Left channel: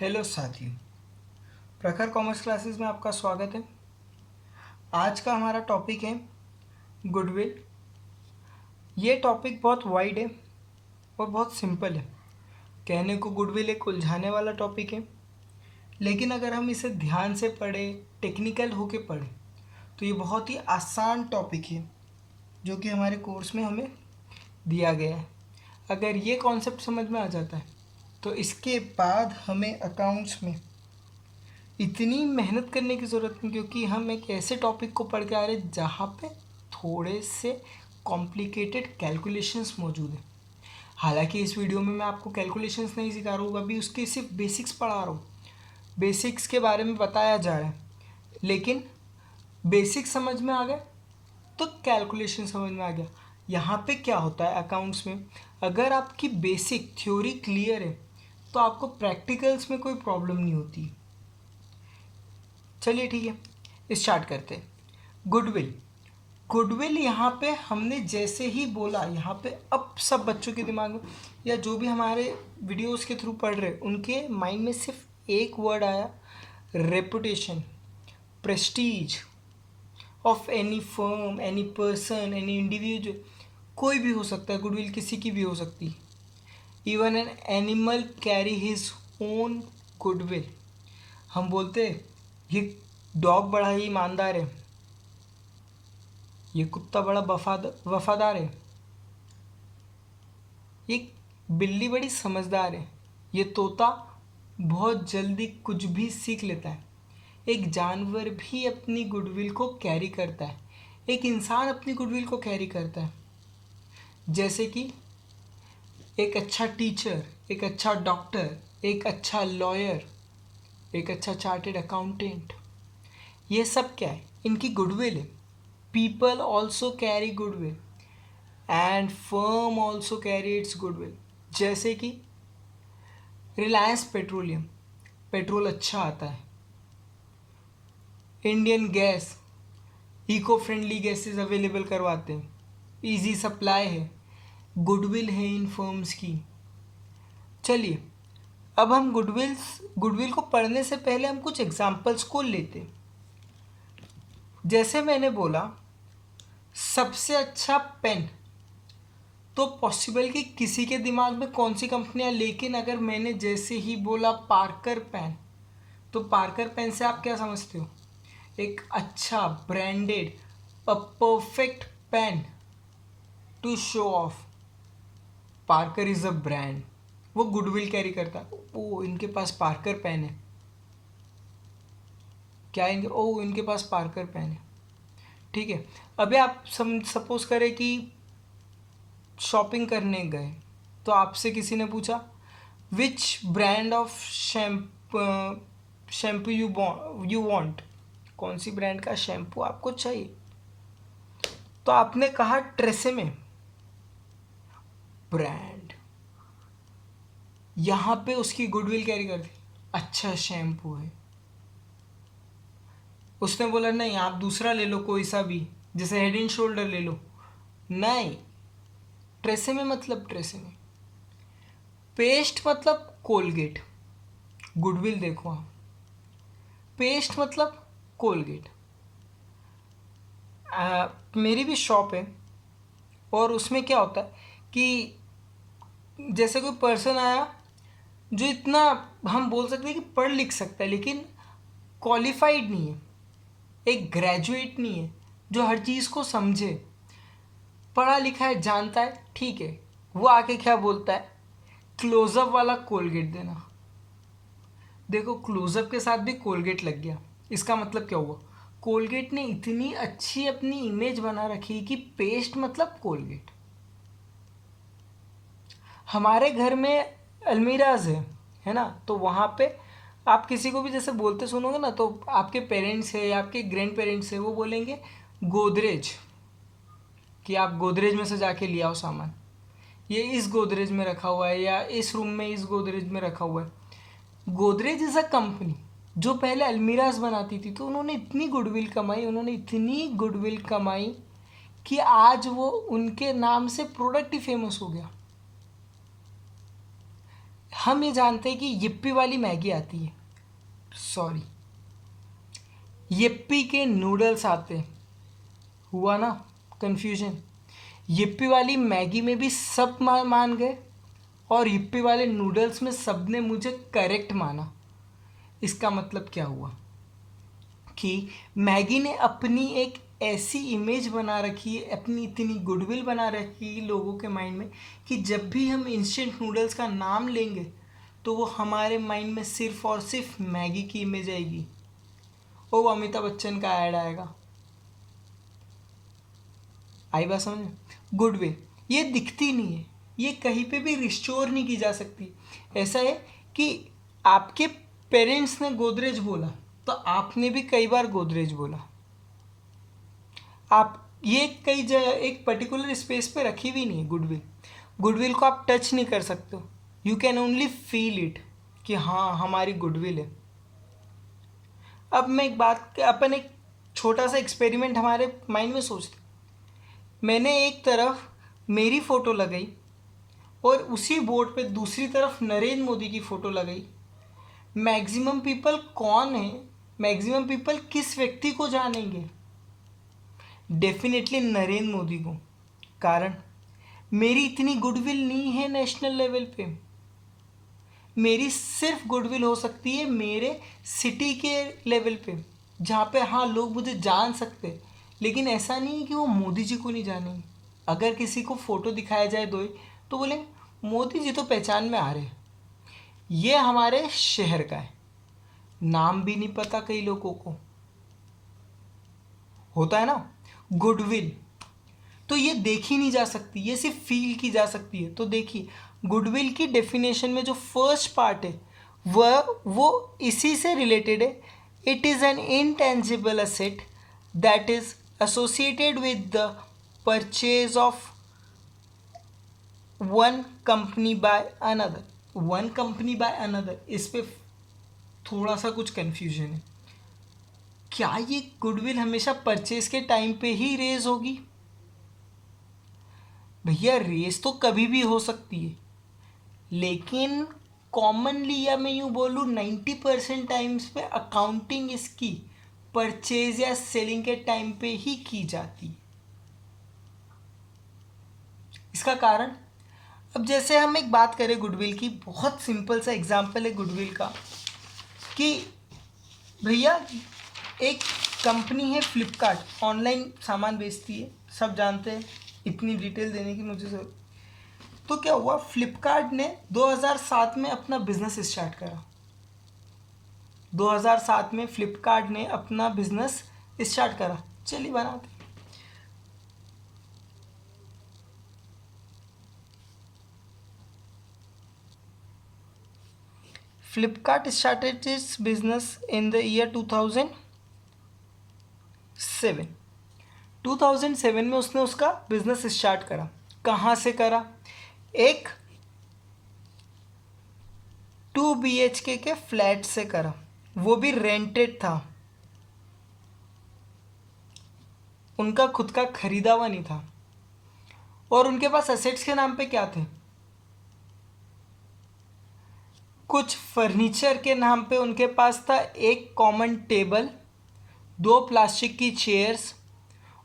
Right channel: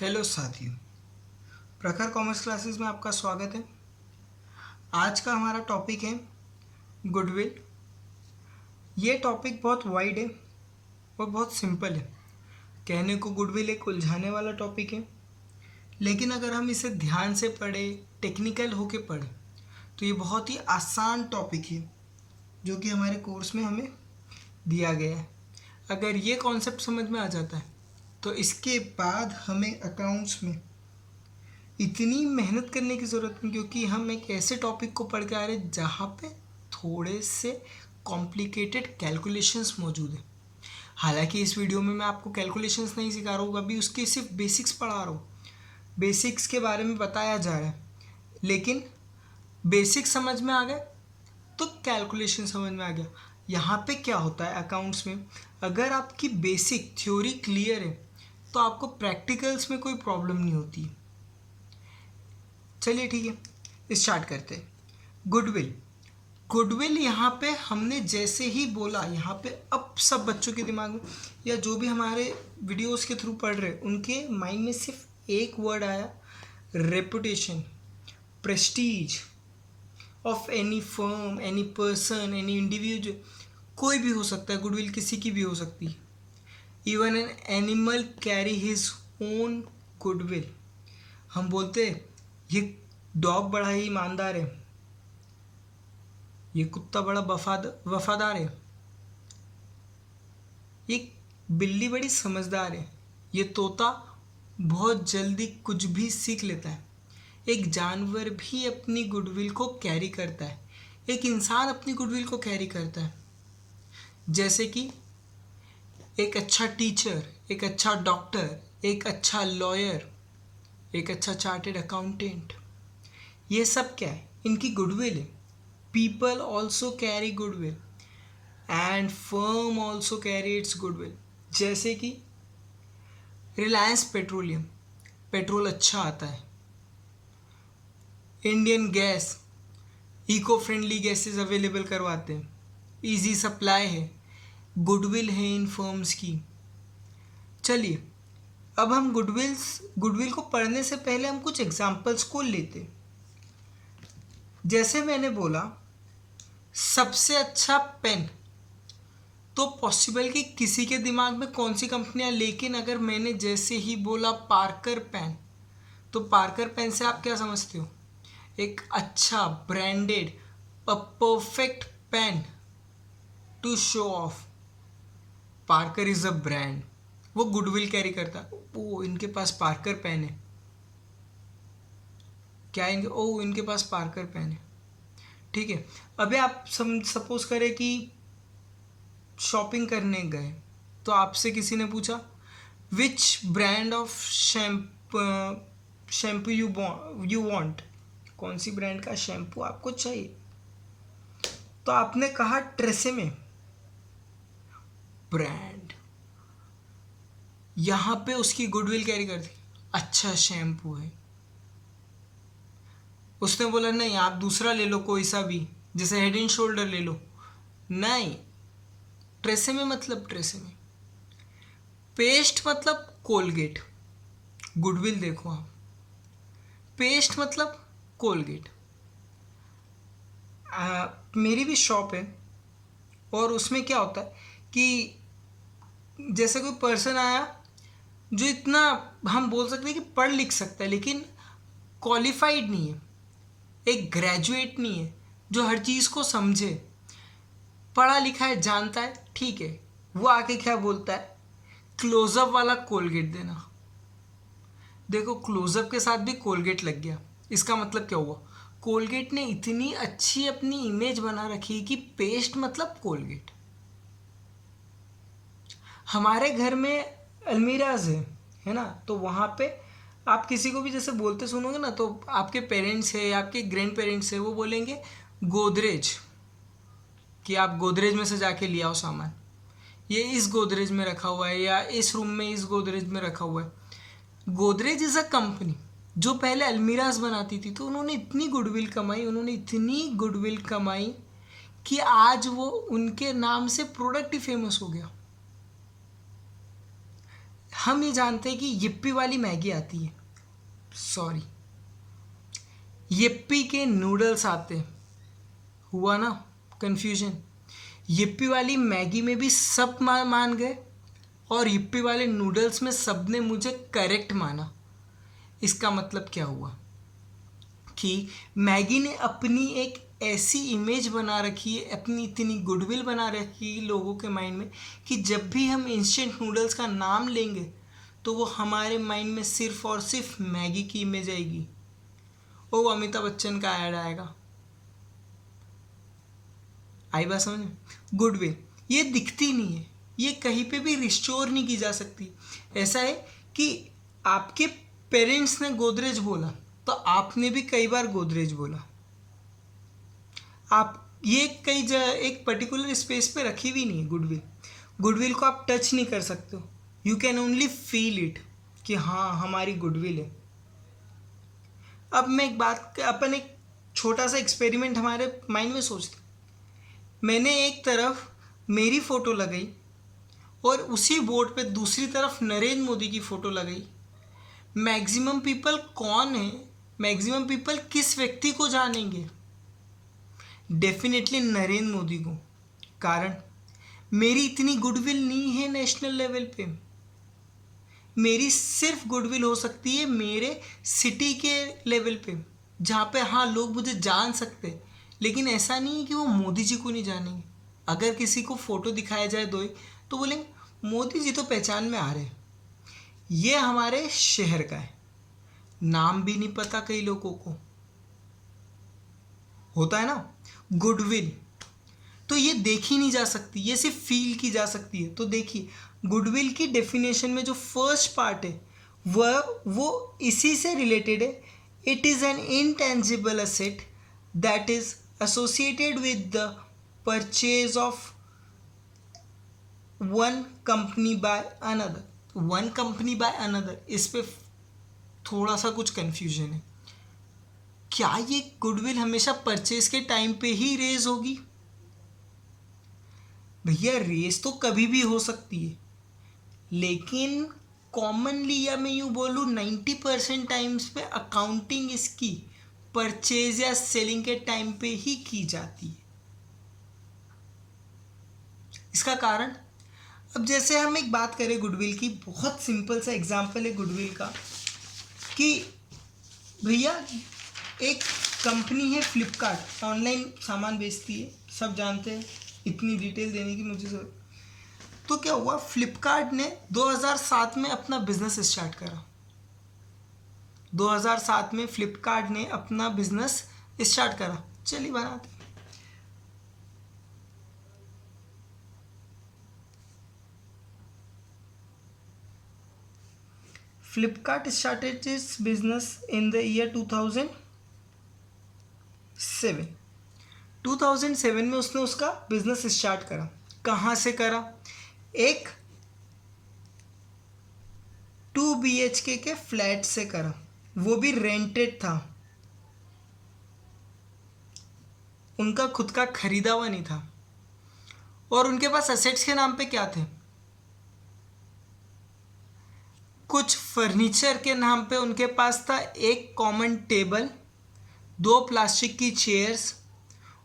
Hello साथियों, प्रखर commerce classes में आपका स्वागत है। आज का हमारा टॉपिक है गुडविल। ये टॉपिक बहुत वाइड है और बहुत सिंपल है। कहने को गुडविल एक उलझाने वाला टॉपिक है, लेकिन अगर हम इसे ध्यान से पढ़ें, टेक्निकल होके पढ़ें, तो ये बहुत ही आसान टॉपिक है जो कि हमारे कोर्स में हमें दिया गया है। अगर ये कॉन्सेप्ट समझ में आ जाता है तो इसके बाद हमें अकाउंट्स में इतनी मेहनत करने की ज़रूरत नहीं, क्योंकि हम एक ऐसे टॉपिक को पढ़ के आ रहे हैं जहाँ पे थोड़े से कॉम्प्लिकेटेड कैलकुलेशंस मौजूद हैं। हालांकि इस वीडियो में मैं आपको कैलकुलेशंस नहीं सिखा रहा हूँ, अभी उसके सिर्फ बेसिक्स पढ़ा रहा हूँ, बेसिक्स के बारे में बताया जा रहा है। लेकिन बेसिक्स समझ में आ गए तो कैलकुलेशन समझ में आ गया। यहाँ पे क्या होता है अकाउंट्स में, अगर आपकी बेसिक थ्योरी क्लियर है तो आपको प्रैक्टिकल्स में कोई प्रॉब्लम नहीं होती। चलिए ठीक है, स्टार्ट करते हैं। गुडविल। गुडविल यहाँ पे हमने जैसे ही बोला, यहाँ पे अब सब बच्चों के दिमाग में या जो भी हमारे वीडियोस के थ्रू पढ़ रहे उनके माइंड में सिर्फ एक वर्ड आया, reputation, Prestige of any firm, any person, any individual. कोई भी हो सकता है, गुडविल किसी की भी हो सकती है। Even an animal carry his own goodwill. हम बोलते हैं ये डॉग बड़ा ही ईमानदार है, ये कुत्ता बड़ा वफादार है, ये बिल्ली बड़ी समझदार है, ये तोता बहुत जल्दी कुछ भी सीख लेता है। एक जानवर भी अपनी गुडविल को कैरी करता है, एक इंसान अपनी गुडविल को कैरी करता है। जैसे कि एक अच्छा टीचर, एक अच्छा डॉक्टर, एक अच्छा लॉयर, एक अच्छा चार्टेड अकाउंटेंट, ये सब क्या है, इनकी गुडविल है। People also carry goodwill and firm also carry its goodwill. जैसे कि रिलायंस पेट्रोलियम, पेट्रोल अच्छा आता है। Indian gas, eco friendly gases available करवाते हैं, इजी सप्लाई है, गुडविल है इन फर्म्स की। चलिए अब हम गुडविल को पढ़ने से पहले हम कुछ एग्जाम्पल्स को लेते। जैसे मैंने बोला सबसे अच्छा पेन, तो पॉसिबल कि किसी के दिमाग में कौन सी कंपनियां, लेकिन अगर मैंने जैसे ही बोला पार्कर पेन, तो पार्कर पेन से आप क्या समझते हो, एक अच्छा branded, a perfect pen to show off. Parker is a brand, वो गुडविल कैरी करता है। ओ इनके पास पार्कर पेन है, क्या इनके, ओ इनके पास पार्कर पेन है। ठीक है, अभी आप सपोज करें कि शॉपिंग करने गए, तो आपसे किसी ने पूछा which brand of shampoo you want, कौन सी ब्रांड का शैम्पू आपको चाहिए, तो आपने कहा ट्रेसेमे ब्रांड। यहां पे उसकी गुडविल कैरी कर दी, अच्छा शैम्पू है। उसने बोला नहीं आप दूसरा ले लो कोई सा भी, जैसे हेड एंड शोल्डर ले लो, नहीं, ट्रेसेमे मतलब ट्रेसेमे। पेस्ट मतलब कोलगेट, गुडविल देखो आप, पेस्ट मतलब कोलगेट। मेरी भी शॉप है और उसमें क्या होता है कि जैसे कोई पर्सन आया जो इतना, हम बोल सकते हैं कि पढ़ लिख सकता है लेकिन क्वालिफाइड नहीं है, एक ग्रेजुएट नहीं है जो हर चीज़ को समझे, पढ़ा लिखा है, जानता है, ठीक है, वो आके क्या बोलता है, क्लोजअप वाला कोलगेट देना। देखो क्लोजअप के साथ भी कोलगेट लग गया, इसका मतलब क्या हुआ, कोलगेट ने इतनी अच्छी अपनी इमेज बना रखी कि पेस्ट मतलब कोलगेट। हमारे घर में अलमीराज है ना, तो वहाँ पे आप किसी को भी जैसे बोलते सुनोगे ना, तो आपके पेरेंट्स है, आपके ग्रैंड पेरेंट्स है, वो बोलेंगे गोदरेज, कि आप गोदरेज में से जाके ले आओ सामान, ये इस गोदरेज में रखा हुआ है या इस रूम में इस गोदरेज में रखा हुआ है। गोदरेज इज़ अ कंपनी जो पहले अलमीराज बनाती थी, तो उन्होंने इतनी गुडविल कमाई, उन्होंने इतनी गुडविल कमाई कि आज वो उनके नाम से प्रोडक्ट ही फेमस हो गया। हम ये जानते हैं कि यिप्पी वाली मैगी आती है, सॉरी, यिप्पी के नूडल्स आते हैं। हुआ ना कन्फ्यूजन। यिप्पी वाली मैगी में भी सब मान गए और यिप्पी वाले नूडल्स में सब ने मुझे करेक्ट माना। इसका मतलब क्या हुआ कि मैगी ने अपनी एक ऐसी इमेज बना रखी है, अपनी इतनी गुडविल बना रखी है लोगों के माइंड में कि जब भी हम इंस्टेंट नूडल्स का नाम लेंगे तो वो हमारे माइंड में सिर्फ और सिर्फ मैगी की इमेज आएगी। वो अमिताभ बच्चन का ऐड आएगा। आई बात समझ में? गुडविल ये दिखती नहीं है, ये कहीं पे भी रिस्टोर नहीं की जा सकती। ऐसा है कि आपके पेरेंट्स ने गोदरेज बोला तो आपने भी कई बार गोदरेज बोला। आप ये कई जगह एक पर्टिकुलर स्पेस पे रखी भी नहीं गुडविल। गुडविल को आप टच नहीं कर सकते हो, you can only feel it कि हाँ हमारी गुडविल है। अब मैं एक बात, अपन एक छोटा सा एक्सपेरिमेंट हमारे माइंड में सोचते, मैंने एक तरफ मेरी फ़ोटो लगाई और उसी बोर्ड पे दूसरी तरफ नरेंद्र मोदी की फ़ोटो लगाई। मैक्सिमम पीपल कौन है, मैक्सिमम पीपल किस व्यक्ति को जानेंगे? डेफिनेटली नरेंद्र मोदी को। कारण मेरी इतनी गुडविल नहीं है नेशनल लेवल पे। मेरी सिर्फ गुडविल हो सकती है मेरे सिटी के लेवल पे, जहाँ पे हाँ लोग मुझे जान सकते, लेकिन ऐसा नहीं कि वो मोदी जी को नहीं जानेंगे। अगर किसी को फ़ोटो दिखाया जाए दो तो बोलेंगे मोदी जी तो पहचान में आ रहे। ये हमारे शहर का है, नाम भी नहीं पता कई लोगों को, होता है ना गुडविल। तो ये देखी नहीं जा सकती, ये सिर्फ फील की जा सकती है। तो देखिए गुडविल की डेफिनेशन में जो फर्स्ट पार्ट है वो इसी से रिलेटेड है। It is an intangible asset that is associated with the purchase of one company by another. One company by another, इस पे थोड़ा सा कुछ कन्फ्यूजन है। क्या ये गुडविल हमेशा परचेज के टाइम पे ही रेज होगी? भैया रेस तो कभी भी हो सकती है, लेकिन कॉमनली, या मैं यूँ बोलूँ 90% टाइम्स पे अकाउंटिंग इसकी परचेज या सेलिंग के टाइम पे ही की जाती है। इसका कारण, अब जैसे हम एक बात करें गुडविल की, बहुत सिंपल सा एग्जांपल है गुडविल का कि भैया एक कंपनी है फ्लिपकार्ट, ऑनलाइन सामान बेचती है, सब जानते हैं, इतनी डिटेल देने की मुझे जरूरत। तो क्या हुआ, फ्लिपकार्ट ने 2007 में अपना बिजनेस स्टार्ट करा। 2007 में फ्लिपकार्ट ने अपना बिजनेस स्टार्ट करा। चलिए बनाते। Flipkart started it's business in the year 2007। 2007 में उसने उसका बिजनेस स्टार्ट करा। कहाँ से करा? एक 2 BHK के फ्लैट से करा, वो भी रेंटेड था, उनका खुद का खरीदा हुआ नहीं था। और उनके पास एसेट्स के नाम पे क्या थे? कुछ फर्नीचर के नाम पे उनके पास था एक कॉमन टेबल, 2 प्लास्टिक की चेयर्स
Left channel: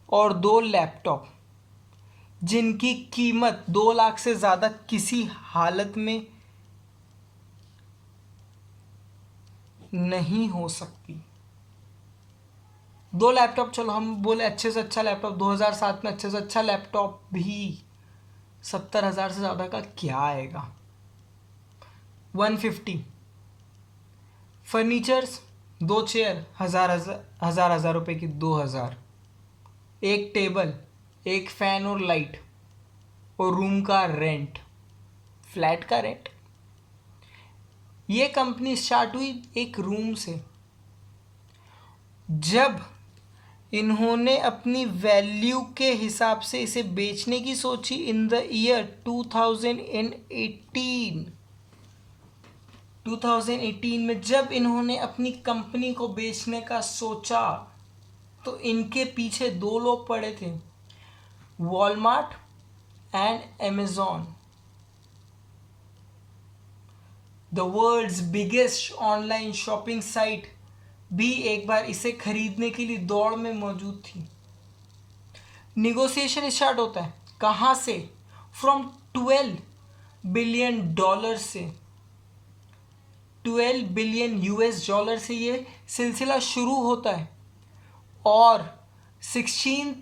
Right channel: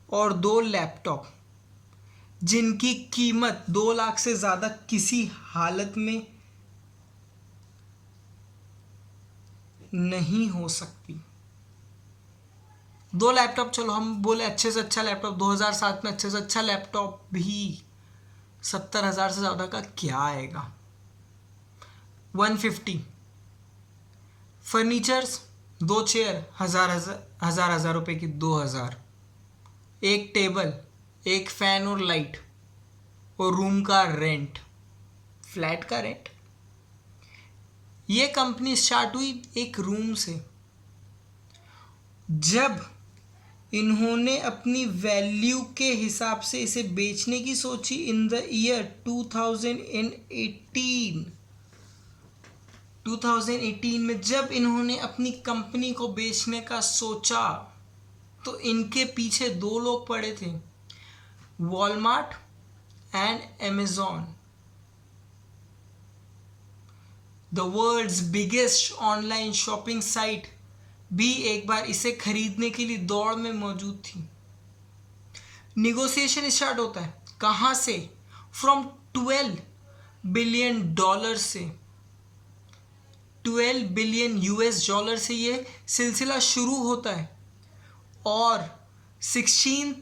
और 2 लैपटॉप, जिनकी कीमत 2 लाख से ज़्यादा किसी हालत में नहीं हो सकती। 2 लैपटॉप, चलो हम बोले अच्छे से अच्छा लैपटॉप, 2007 में अच्छे से अच्छा लैपटॉप भी 70,000 से ज़्यादा का क्या आएगा? 150 फर्नीचर्स, 2 चेयर, हज़ार रुपए की, 2000, एक टेबल, एक फैन और लाइट, और रूम का रेंट, फ्लैट का रेंट। ये कंपनी स्टार्ट हुई एक रूम से। जब इन्होंने अपनी वैल्यू के हिसाब से इसे बेचने की सोची इन द ईयर 2018 में, जब इन्होंने अपनी कंपनी को बेचने का सोचा तो इनके पीछे 2 लोग पड़े थे, Walmart and Amazon. The world's biggest online shopping site भी एक बार इसे खरीदने के लिए दौड़ में मौजूद थी। निगोशिएशन स्टार्ट होता है कहाँ से? फ्रॉम 12 बिलियन डॉलर से, 12 बिलियन यूएस डॉलर से ये सिलसिला शुरू होता है और 16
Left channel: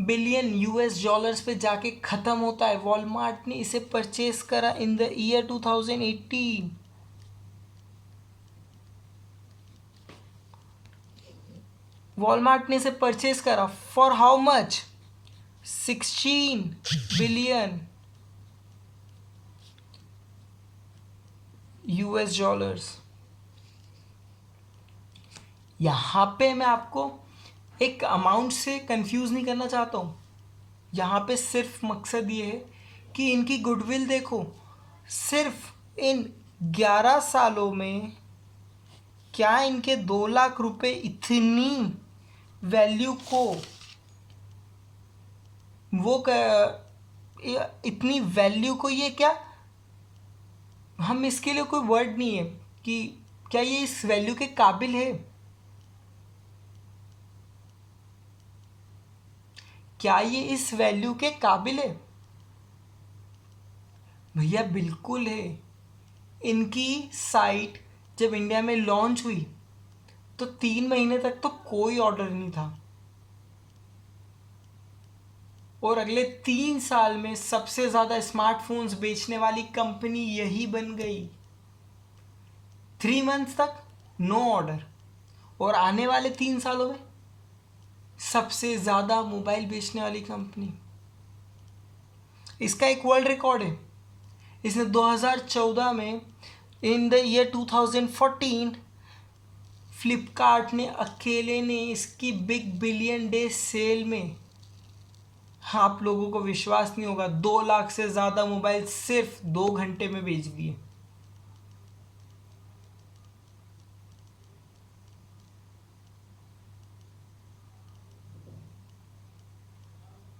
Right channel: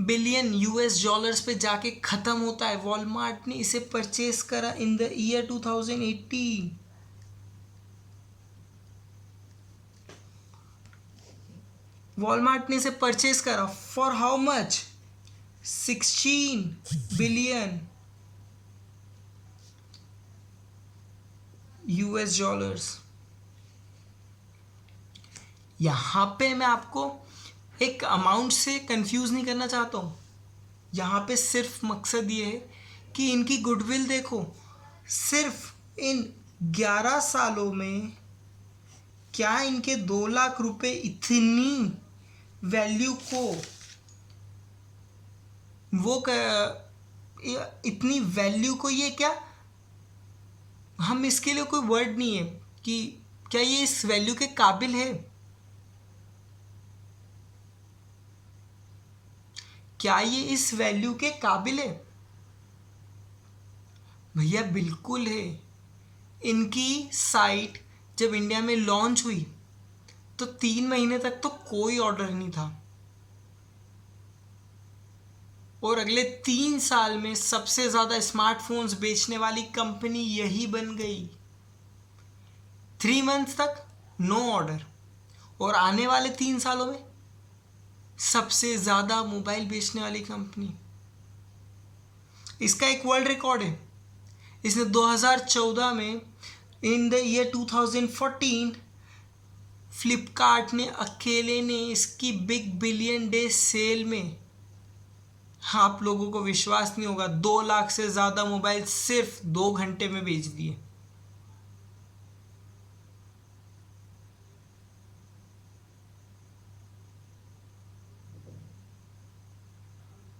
बिलियन यूएस डॉलर्स पे जाके ख़त्म होता है। वॉलमार्ट ने इसे परचेस करा इन द ईयर 2018। वॉलमार्ट ने इसे परचेस करा for how much? 16 billion US dollars. यहाँ पे मैं आपको एक अमाउंट से कंफ्यूज नहीं करना चाहता हूँ। यहाँ पे सिर्फ मकसद ये है कि इनकी गुडविल देखो, सिर्फ इन 11 सालों में क्या इनके 2 लाख रुपए इतनी वैल्यू को इतनी वैल्यू को ये क्या, हम इसके लिए कोई वर्ड नहीं है कि क्या ये इस वैल्यू के काबिल है? क्या ये इस वैल्यू के काबिल है? भैया बिल्कुल है। इनकी साइट जब इंडिया में लॉन्च हुई तो 3 महीने तक तो कोई ऑर्डर नहीं था और अगले 3 साल में सबसे ज़्यादा स्मार्टफोन्स बेचने वाली कंपनी यही बन गई। 3 मंथ्स तक नो ऑर्डर और आने वाले 3 सालों में सबसे ज़्यादा मोबाइल बेचने वाली कंपनी। इसका एक वर्ल्ड रिकॉर्ड है। इसने 2014 में इन द ईयर 2014 फ्लिपकार्ट ने अकेले ने इसकी बिग बिलियन डे सेल में, आप लोगों को विश्वास नहीं होगा, 2 लाख से ज़्यादा मोबाइल सिर्फ 2 घंटे में बेच दिए।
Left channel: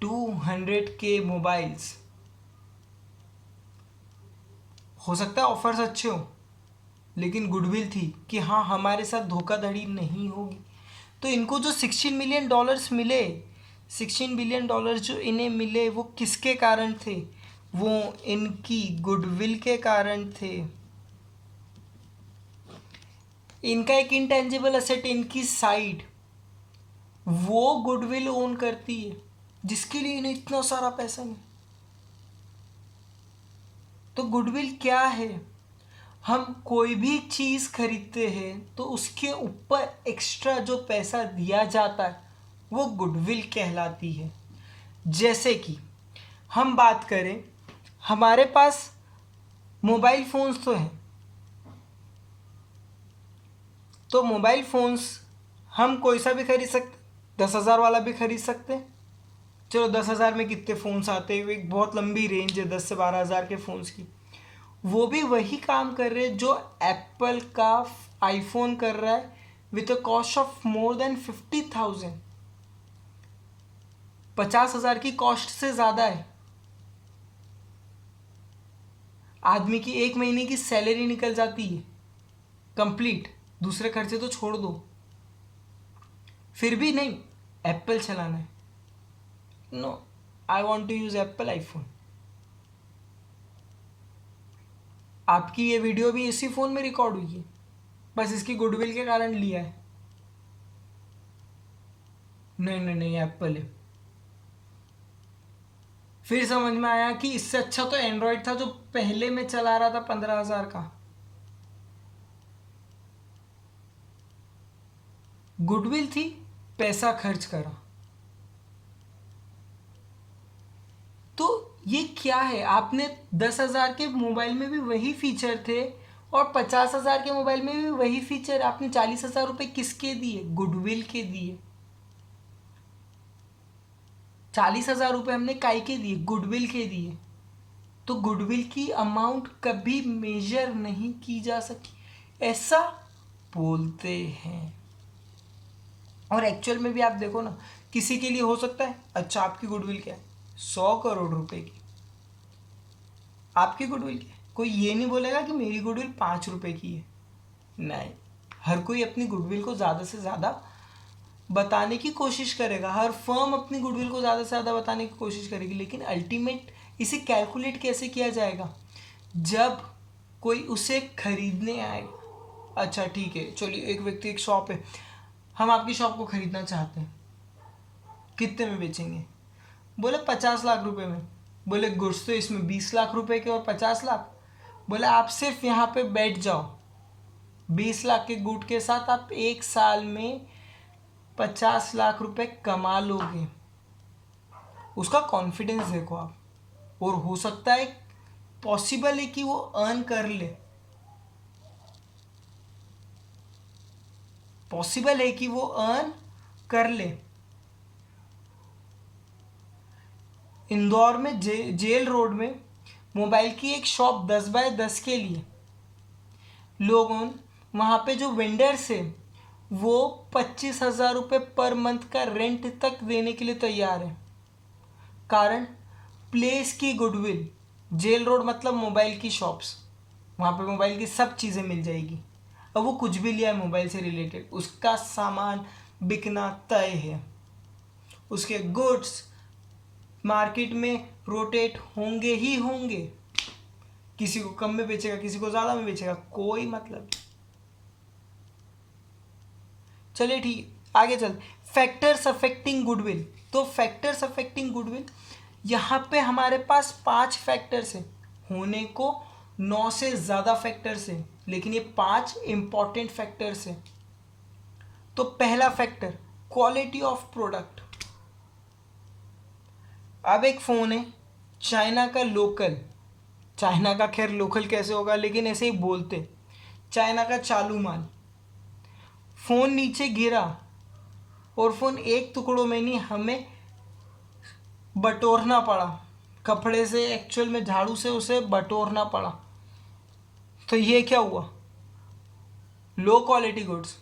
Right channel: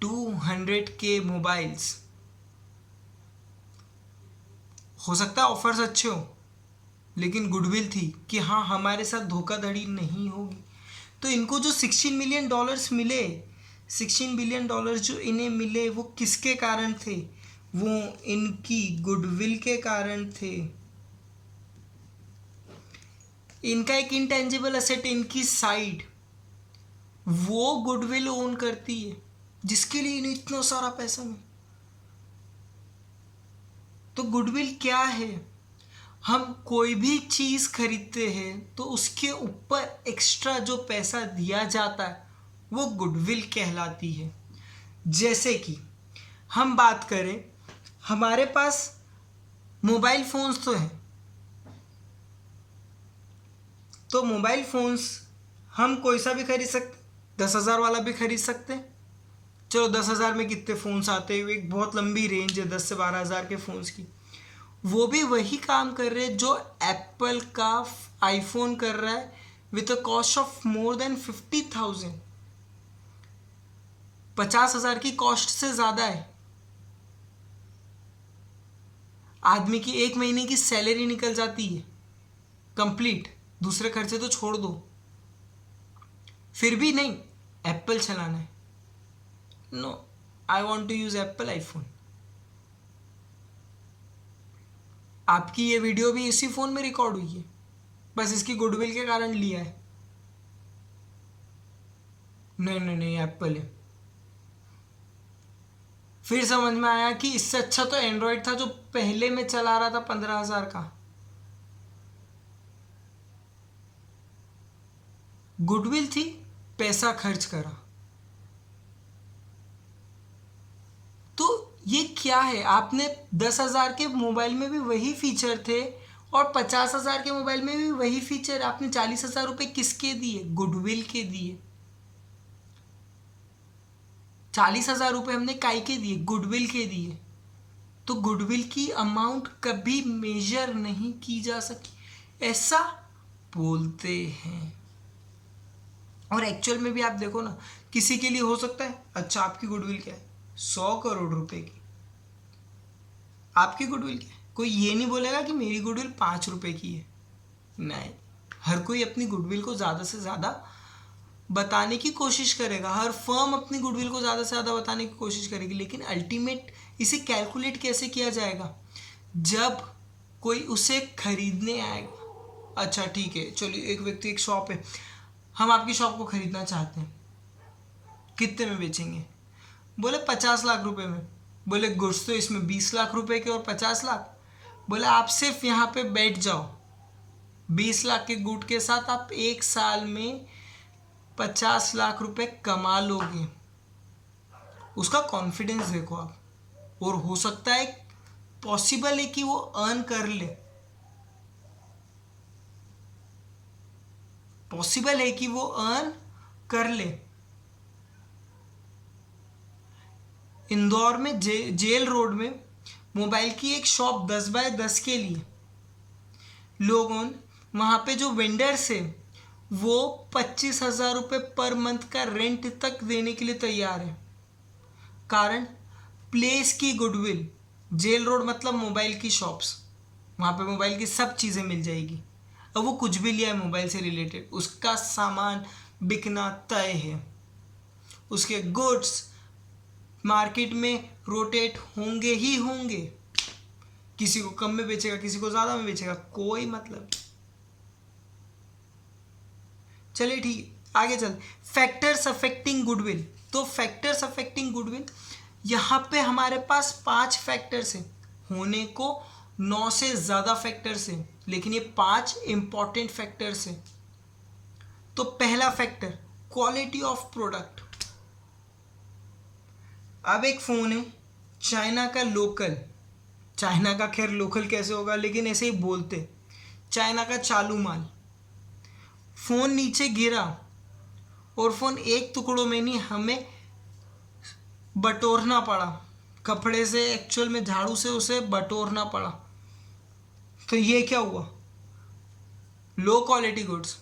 $200K mobiles. हो सकता है ऑफर्स अच्छे हो लेकिन गुडविल थी कि हाँ हमारे साथ धोखाधड़ी नहीं होगी। तो इनको जो 16 मिलियन डॉलर्स मिले, 16 बिलियन डॉलर जो इन्हें मिले वो किसके कारण थे? वो इनकी गुडविल के कारण थे। इनका एक इंटेंजिबल असेट इनकी साइट, वो गुडविल ओन करती है जिसके लिए इन्हें इतना सारा पैसा मिला। तो गुडविल क्या है? हम कोई भी चीज़ खरीदते हैं तो उसके ऊपर एक्स्ट्रा जो पैसा दिया जाता है वो गुडविल कहलाती है। जैसे कि हम बात करें, हमारे पास मोबाइल फ़ोन्स तो हैं, तो मोबाइल फ़ोन्स हम कोई सा भी खरीद सकते, 10,000 वाला भी खरीद सकते। चलो 10,000 में कितने फ़ोन्स आते हैं, एक बहुत लंबी रेंज है 10 से 12,000 के फ़ोन्स की। वो भी वही काम कर रहे हैं जो एप्पल का आईफोन कर रहा है with a cost of more than 50,000। 50,000 की कॉस्ट से ज़्यादा है। आदमी की 1 महीने की सैलरी निकल जाती है कंप्लीट, दूसरे खर्चे तो छोड़ दो, फिर भी नहीं एप्पल चलाना है। No, I want to use Apple iPhone. आपकी ये वीडियो भी इसी फ़ोन में रिकॉर्ड हुई है, बस इसकी गुडविल के कारण लिया है। नहीं नहीं नहीं, एप्पल है। फिर समझ में आया कि इससे अच्छा तो एंड्रॉयड था जो पहले मैं चला रहा था 15,000 का। गुडविल थी, पैसा खर्च करा। तो ये क्या है? आपने 10,000 के मोबाइल में भी वही फीचर थे और 50,000 के मोबाइल में भी वही फीचर। आपने 40,000 रुपये किसके दिए? गुडविल के दिए। 40,000 रुपये हमने काय के दिए? गुडविल के दिए। तो गुडविल की अमाउंट कभी मेजर नहीं की जा सकी, ऐसा बोलते हैं। और एक्चुअल में भी आप देखो ना, किसी के लिए हो सकता है अच्छा आपकी गुडविल क्या है, 100 करोड़ रुपए की। आपकी गुडविल क्या है? कोई ये नहीं बोलेगा कि मेरी गुडविल 5 रुपए की है, नहीं। हर कोई अपनी गुडविल को ज़्यादा से ज़्यादा बताने की कोशिश करेगा, हर फर्म अपनी गुडविल को ज़्यादा से ज़्यादा बताने की कोशिश करेगी, लेकिन अल्टीमेट इसे कैलकुलेट कैसे किया जाएगा? जब कोई उसे खरीदने आएगा। अच्छा ठीक है, चलिए एक व्यक्ति, एक शॉप है, हम आपकी शॉप को खरीदना चाहते हैं, कितने में बेचेंगे? बोले 50 लाख रुपए में। बोले गुड्स तो इसमें 20 लाख रुपए के और 50 लाख। बोले आप सिर्फ यहाँ पे बैठ जाओ, 20 लाख के गुड के साथ आप 1 साल में 50 लाख रुपए कमा लोगे। उसका कॉन्फिडेंस देखो आप, और हो सकता है, पॉसिबल है कि वो अर्न कर ले, पॉसिबल है कि वो अर्न कर ले। इंदौर में जेल रोड में मोबाइल की एक शॉप 10 बाय 10 के लिए लोगों, वहाँ पे जो वेंडर्स है वो 25,000 रुपये पर मंथ का रेंट तक देने के लिए तैयार है। कारण प्लेस की गुडविल। जेल रोड मतलब मोबाइल की शॉप्स, वहाँ पे मोबाइल की सब चीज़ें मिल जाएगी। अब वो कुछ भी लिया है मोबाइल से रिलेटेड, उसका सामान बिकना तय है, उसके गुड्स मार्केट में रोटेट होंगे ही होंगे। किसी को कम में बेचेगा, किसी को ज़्यादा में बेचेगा, कोई मतलब। चलिए ठीक, आगे चल। Factors affecting goodwill. तो फैक्टर्स अफेक्टिंग गुडविल, यहाँ पे हमारे पास 5 फैक्टर्स हैं, होने को 9 से ज़्यादा फैक्टर्स हैं, लेकिन ये 5 इंपॉर्टेंट फैक्टर्स हैं। तो पहला फैक्टर, क्वालिटी ऑफ प्रोडक्ट। अब एक फ़ोन है चाइना का लोकल, चाइना का खैर लोकल कैसे होगा, लेकिन ऐसे ही बोलते, चाइना का चालू माल। फ़ोन नीचे गिरा और फ़ोन एक टुकड़ों में नहीं, हमें बटोरना पड़ा, कपड़े से, एक्चुअल में झाड़ू से उसे बटोरना पड़ा। तो ये क्या हुआ? Low quality goods.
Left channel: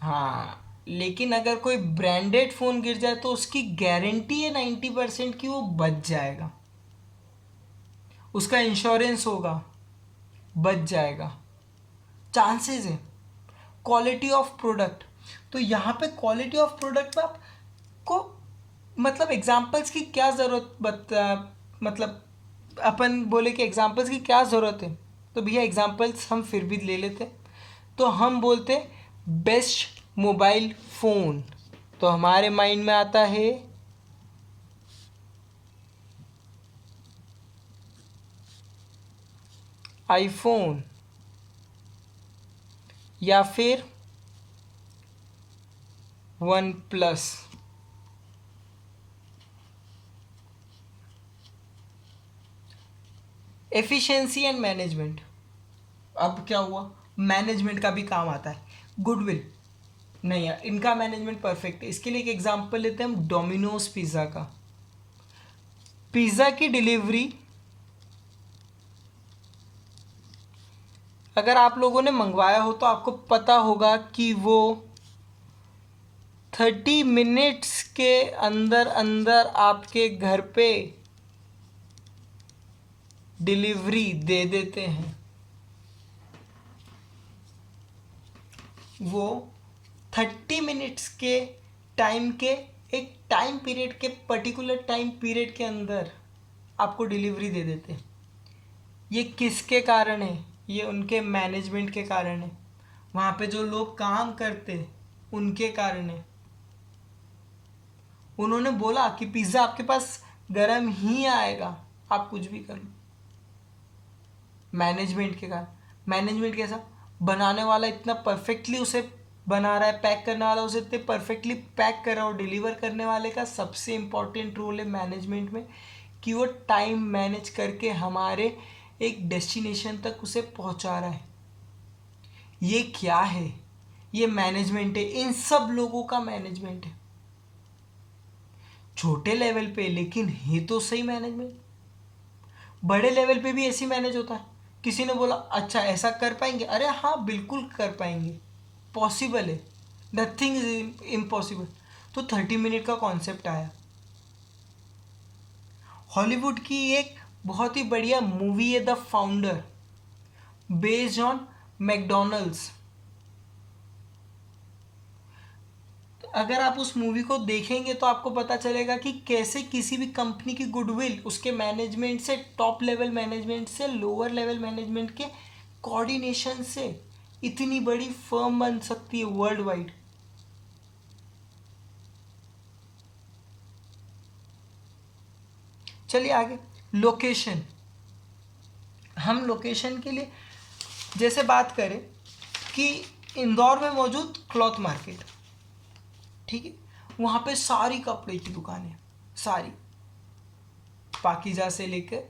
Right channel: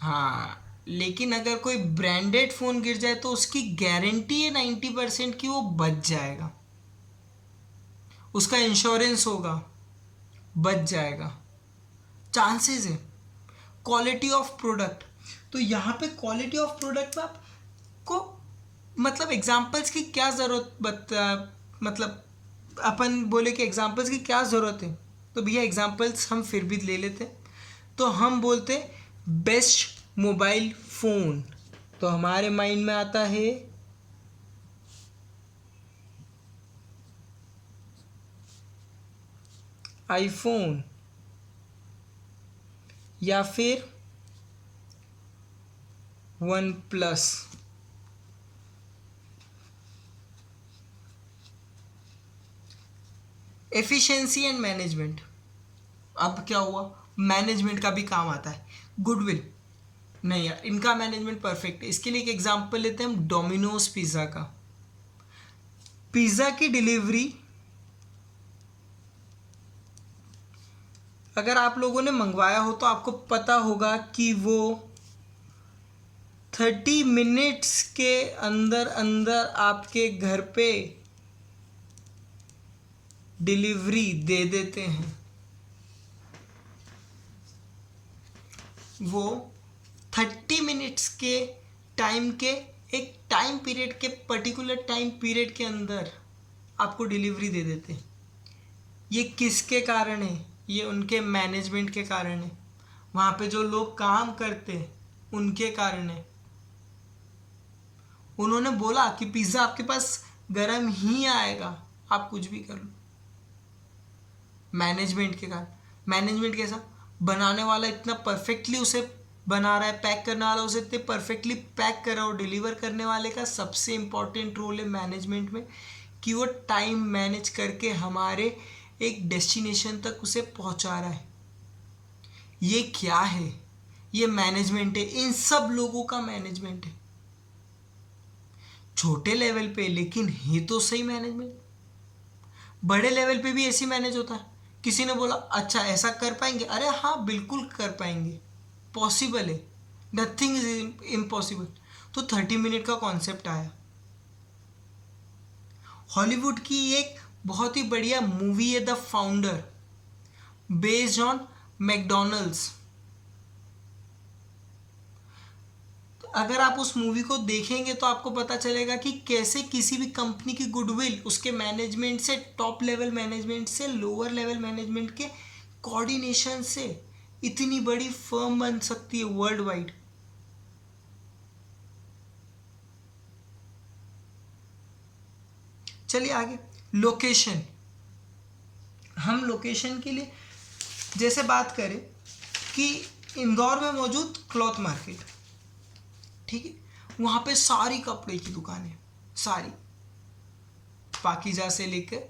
हाँ, लेकिन अगर कोई ब्रांडेड फ़ोन गिर जाए तो उसकी गारंटी है 90% की वो बच जाएगा, उसका इंश्योरेंस होगा, बच जाएगा, चांसेस है। क्वालिटी ऑफ प्रोडक्ट, तो यहाँ पे क्वालिटी ऑफ प्रोडक्ट में आपको मतलब एग्जांपल्स की क्या ज़रूरत, मतलब अपन बोले कि एग्जांपल्स की क्या ज़रूरत है, तो भैया एग्जांपल्स हम फिर भी ले लेते। तो हम बोलते बेस्ट मोबाइल फ़ोन, तो हमारे माइंड में आता है आईफोन या फिर one plus. Efficiency and management, अब क्या हुआ, मैनेजमेंट का भी काम आता है। गुडविल नहीं यार, इनका मैनेजमेंट परफेक्ट है। इसके लिए एक एग्जांपल लेते हैं हम, डोमिनोज पिज़्ज़ा का। पिज़्ज़ा की डिलीवरी अगर आप लोगों ने मंगवाया हो तो आपको पता होगा कि वो 30 मिनट्स के अंदर अंदर आपके घर पे डिलीवरी दे देते हैं। वो 30 मिनट्स के टाइम के, एक टाइम पीरियड के, पर्टिकुलर टाइम पीरियड के अंदर आपको डिलीवरी दे देते हैं। ये किसके कारण है? ये उनके मैनेजमेंट के कारण है, वहाँ पे जो लोग काम करते उनके कारण है। उन्होंने बोला कि पिज़्ज़ा आपके पास गर्म ही आएगा, आप कुछ भी कर लो। मैनेजमेंट के कारण। मैनेजमेंट कैसा? बनाने वाला इतना परफेक्टली उसे बना रहा है, पैक करने वाला उसे इतने परफेक्टली पैक कर रहा है, और डिलीवर करने वाले का सबसे इम्पॉर्टेंट रोल है मैनेजमेंट में, कि वो टाइम मैनेज करके हमारे एक डेस्टिनेशन तक उसे पहुंचा रहा है। ये क्या है? ये मैनेजमेंट है, इन सब लोगों का मैनेजमेंट है, छोटे लेवल पे, लेकिन है तो सही मैनेजमेंट। बड़े लेवल पे भी ऐसी मैनेज होता है। किसी ने बोला अच्छा ऐसा कर पाएंगे, अरे हाँ बिल्कुल कर पाएंगे, पॉसिबल है, नथिंग इज इम्पॉसिबल। तो 30 मिनट का कॉन्सेप्ट आया। हॉलीवुड की एक बहुत ही बढ़िया मूवी है the founder, based on McDonald's. अगर आप उस मूवी को देखेंगे तो आपको पता चलेगा कि कैसे किसी भी कंपनी की गुडविल उसके मैनेजमेंट से, टॉप लेवल मैनेजमेंट से लोअर लेवल मैनेजमेंट के कोऑर्डिनेशन से इतनी बड़ी फर्म बन सकती है वर्ल्ड वाइड। चलिए आगे, लोकेशन। हम लोकेशन के लिए जैसे बात करें कि इंदौर में मौजूद क्लॉथ मार्केट, ठीक है, वहाँ पे सारी कपड़े की दुकानें, सारी पाकीजा से लेकर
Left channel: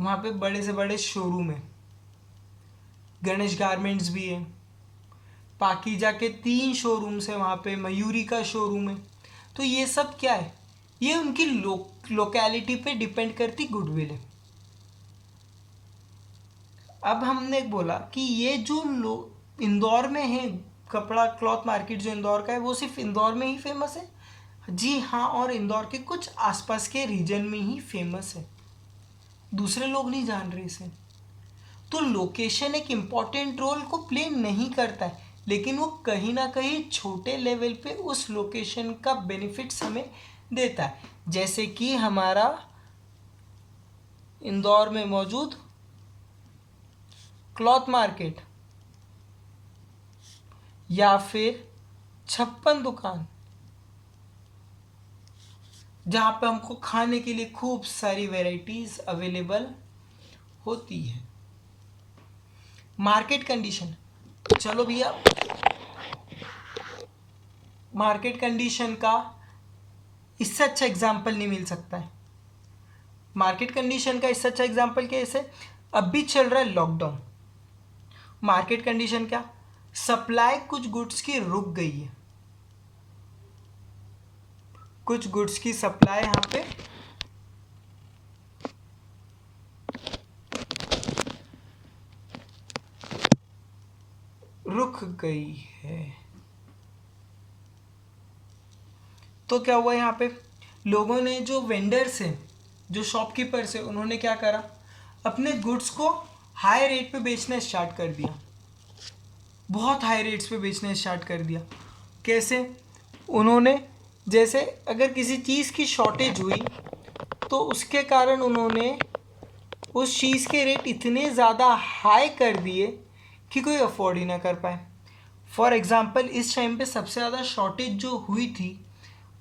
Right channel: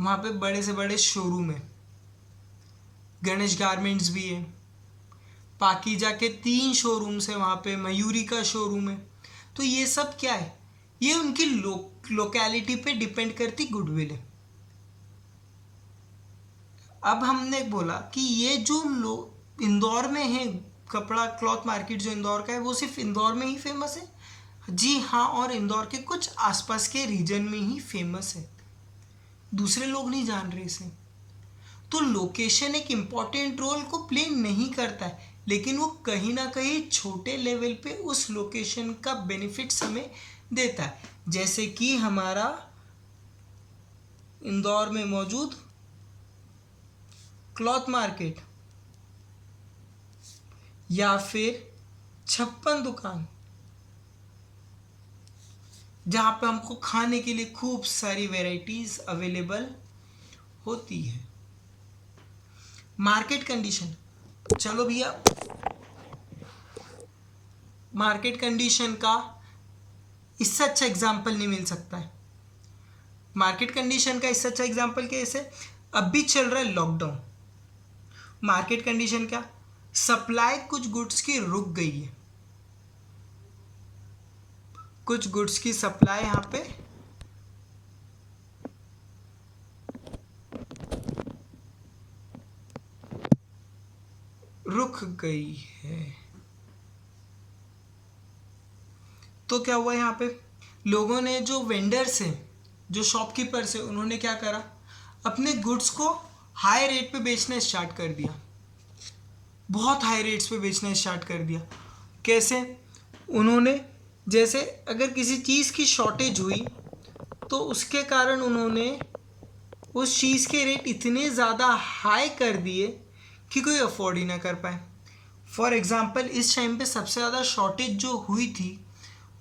वहाँ पे बड़े से बड़े शोरूम है। गणेश गारमेंट्स भी है, पाकीजा के 3 शोरूम्स है वहाँ पे, मयूरी का शोरूम है। तो ये सब क्या है, ये उनकी लोकेलिटी पे डिपेंड करती गुडविल है। अब हमने बोला कि ये जो इंदौर में है कपड़ा क्लॉथ मार्केट जो इंदौर का है, वो सिर्फ इंदौर में ही फेमस है? जी हाँ, और इंदौर के कुछ आसपास के रीजन में ही फेमस है, दूसरे लोग नहीं जान रहे इसे। तो लोकेशन एक इम्पॉर्टेंट रोल को प्ले नहीं करता है, लेकिन वो कहीं ना कहीं छोटे लेवल पे उस लोकेशन का बेनिफिट्स हमें देता है। जैसे कि हमारा इंदौर में मौजूद क्लॉथ मार्केट या फिर 56 दुकान, जहाँ पे हमको खाने के लिए खूब सारी वैरायटीज अवेलेबल होती है। मार्केट कंडीशन, चलो भैया, मार्केट कंडीशन का इससे अच्छा एग्जाम्पल नहीं मिल सकता है। मार्केट कंडीशन का इससे अच्छा एग्जाम्पल कैसे, अब भी चल रहा है लॉकडाउन। मार्केट कंडीशन क्या, सप्लाई कुछ गुड्स की रुक गई है, कुछ गुड्स की सप्लाई यहाँ पे रुक गई है। तो क्या हुआ, यहाँ पे लोगों ने, जो वेंडर्स हैं, जो शॉपकीपर्स हैं, उन्होंने क्या करा, अपने गुड्स को हाई रेट पे बेचना स्टार्ट कर दिया, बहुत हाई रेट्स पे बेचना स्टार्ट कर दिया। कैसे, उन्होंने, जैसे अगर किसी चीज़ की शॉर्टेज हुई तो उसके कारण उन्होंने उस चीज़ के रेट इतने ज़्यादा हाई कर दिए कि कोई अफोर्ड ही ना कर पाए। फॉर एग्ज़ाम्पल, इस टाइम पे सबसे ज़्यादा शॉर्टेज जो हुई थी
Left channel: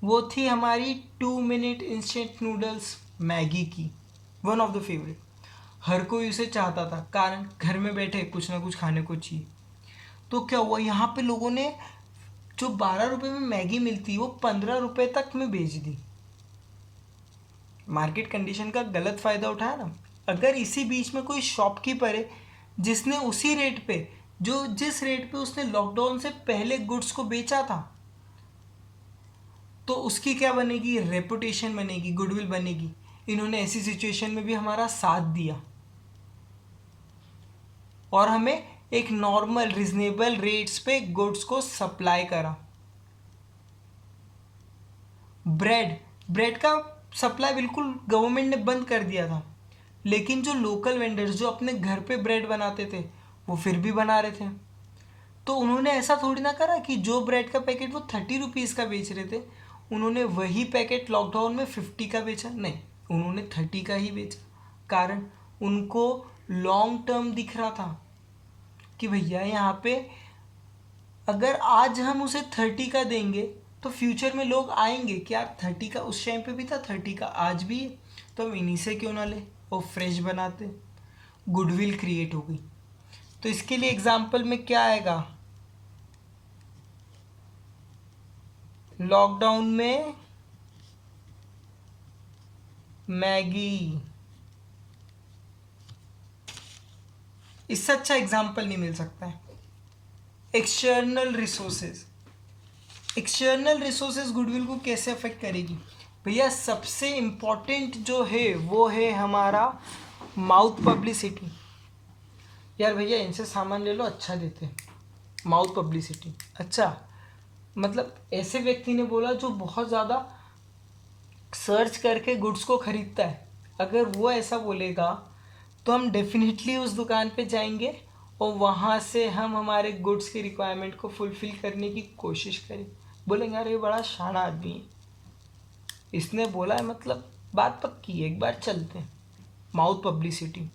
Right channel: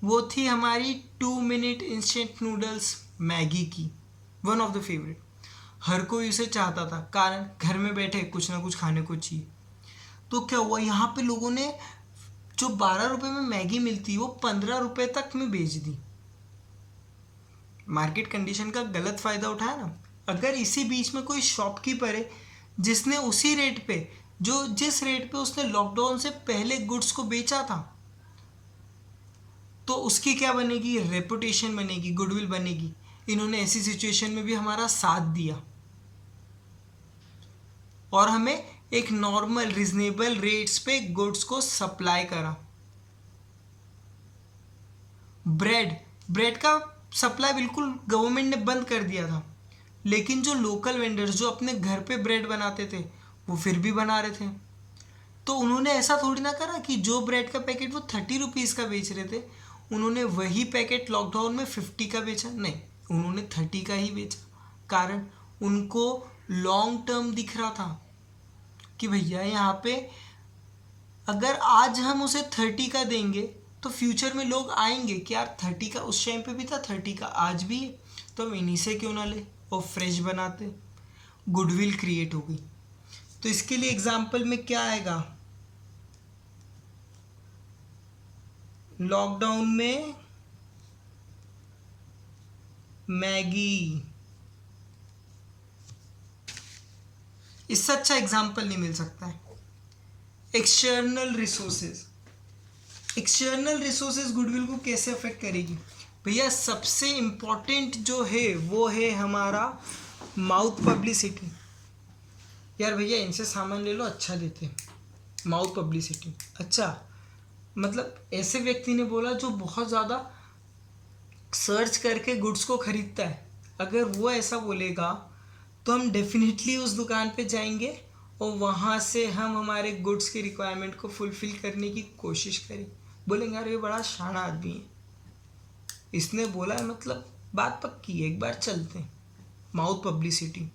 वो थी हमारी 2 मिनट इंस्टेंट नूडल्स मैगी की, वन ऑफ द फेवरेट। हर कोई उसे चाहता था, कारण घर में बैठे कुछ ना कुछ खाने को चाहिए। तो क्या हुआ, यहाँ पे लोगों ने जो 12 रुपये में मैगी मिलती वो 15 रुपये तक में बेच दी। मार्केट कंडीशन का गलत फ़ायदा उठाया ना। अगर इसी बीच में कोई शॉपकीपर है जिसने उसी रेट पे, जो जिस रेट पे उसने लॉकडाउन से पहले गुड्स को बेचा था, तो उसकी क्या बनेगी, रेपुटेशन बनेगी, गुडविल बनेगी। इन्होंने ऐसी सिचुएशन में भी हमारा साथ दिया और हमें एक नॉर्मल रिजनेबल रेट्स पे गुड्स को सप्लाई करा। ब्रेड का सप्लाई बिल्कुल गवर्नमेंट ने बंद कर दिया था, लेकिन जो लोकल वेंडर्स जो अपने घर पे ब्रेड बनाते थे वो फिर भी बना रहे थे। तो उन्होंने ऐसा थोड़ी ना करा कि जो ब्रेड का पैकेट वो 30 रुपीज़ का बेच रहे थे, उन्होंने वही पैकेट लॉकडाउन में 50 का बेचा, नहीं, उन्होंने 30 का ही बेचा। कारण उनको लॉन्ग टर्म दिख रहा था कि भैया यहाँ पे अगर आज हम उसे 30 का देंगे तो फ्यूचर में लोग आएंगे कि यार 30 का उस टाइम पे भी था, 30 का आज भी है, तो हम इन्हीं से क्यों ना ले, और फ्रेश बनाते। गुडविल क्रिएट हो गई। तो इसके लिए एग्जाम्पल में क्या आएगा, लॉकडाउन में मैगी, इससे अच्छा एग्जाम्पल नहीं मिल सकता है। External resources, external resources goodwill को कैसे अफेक्ट करेगी भैया, सबसे इम्पॉर्टेंट जो है वो है हमारा माउथ पब्लिसिटी। यार भैया इनसे सामान ले लो, अच्छा देते हैं, माउथ पब्लिसिटी। अच्छा, मतलब ऐसे व्यक्ति ने बोला जो बहुत ज़्यादा सर्च करके गुड्स को खरीदता है, अगर वो ऐसा बोलेगा तो हम डेफिनेटली उस दुकान पे जाएंगे और वहाँ से हम हमारे गुड्स की रिक्वायरमेंट को फुलफ़िल करने की कोशिश करें। बोलेंगे यार ये बड़ा शाना आदमी है, इसने बोला है मतलब बात पक्की है, एक बार चलते हैं। माउथ पब्लिसिटी,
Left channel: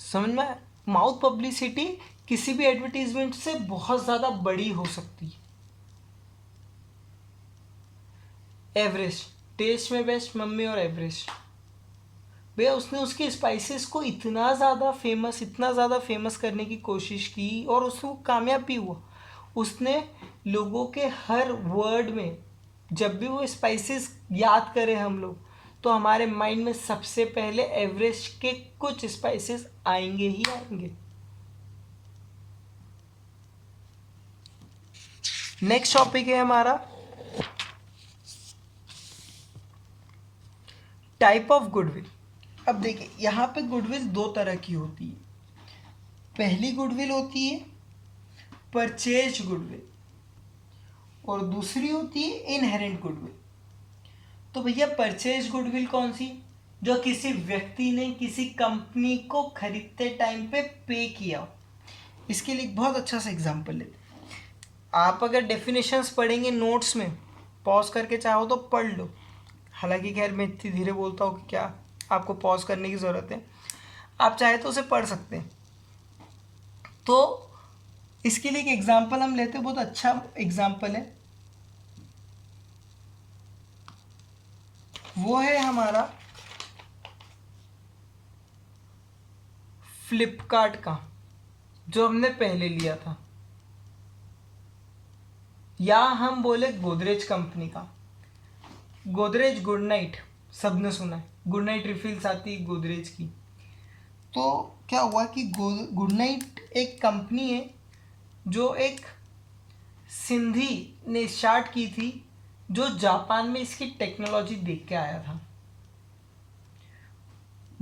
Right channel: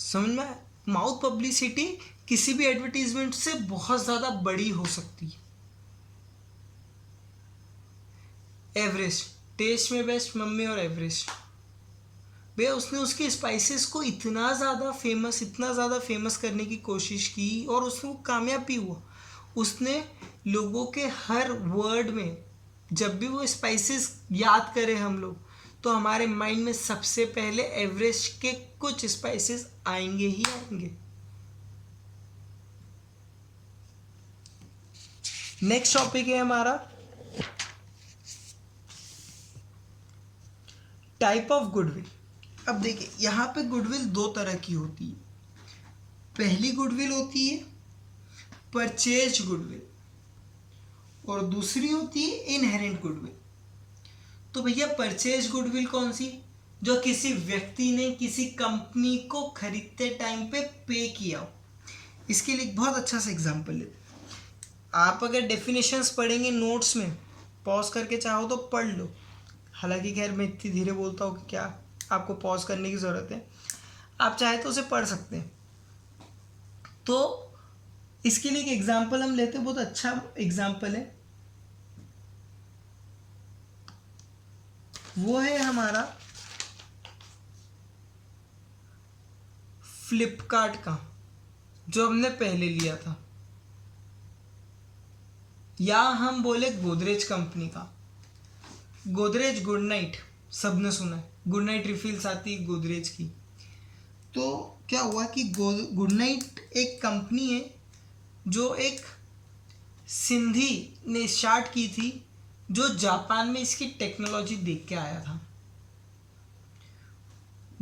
समझ में? माउथ पब्लिसिटी किसी भी एडवर्टीजमेंट से बहुत ज़्यादा बड़ी हो सकती है। एवरेस्ट, टेस्ट में बेस्ट मम्मी और एवरेस्ट, भैया उसने उसके स्पाइसेस को इतना ज़्यादा फेमस करने की कोशिश की और उसको कामयाब भी हुआ। उसने लोगों के हर वर्ड में, जब भी वो स्पाइसेस याद करें हम लोग, तो हमारे माइंड में सबसे पहले एवरेस्ट के कुछ स्पाइसेस आएंगे ही आएंगे। नेक्स्ट टॉपिक है हमारा टाइप ऑफ गुडविल। अब देखिए यहाँ पे गुडविल दो तरह की होती है। पहली गुडविल होती है परचेज गुडविल और दूसरी होती है इनहेरेंट गुडविल। तो भैया परचेज गुडविल कौन सी? जो किसी व्यक्ति ने किसी कंपनी को खरीदते टाइम पे किया। इसके लिए एक बहुत अच्छा सा एग्जांपल लेते हैं। आप अगर डेफिनेशंस पढ़ेंगे नोट्स में, पॉज करके चाहो तो पढ़ लो। हालांकि खैर मैं इतनी धीरे बोलता हूँ कि क्या आपको पॉज करने की ज़रूरत है, आप चाहे तो उसे पढ़ सकते हैं। तो इसके लिए एक एग्जांपल हम लेते हैं, बहुत अच्छा एग्जांपल है, वो है हमारा फ्लिपकार्ट का, जो हमने पहले लिया था, या हम बोले गोदरेज कंपनी का। गोदरेज गुड नाइट सबने सुना है, गुड नाइट रिफिल्स आती है गोदरेज की। तो क्या हुआ कि गुड नाइट एक कंपनी है जो एक सिंधी ने स्टार्ट की थी, जो जापान में इसकी टेक्नोलॉजी देख के आया था।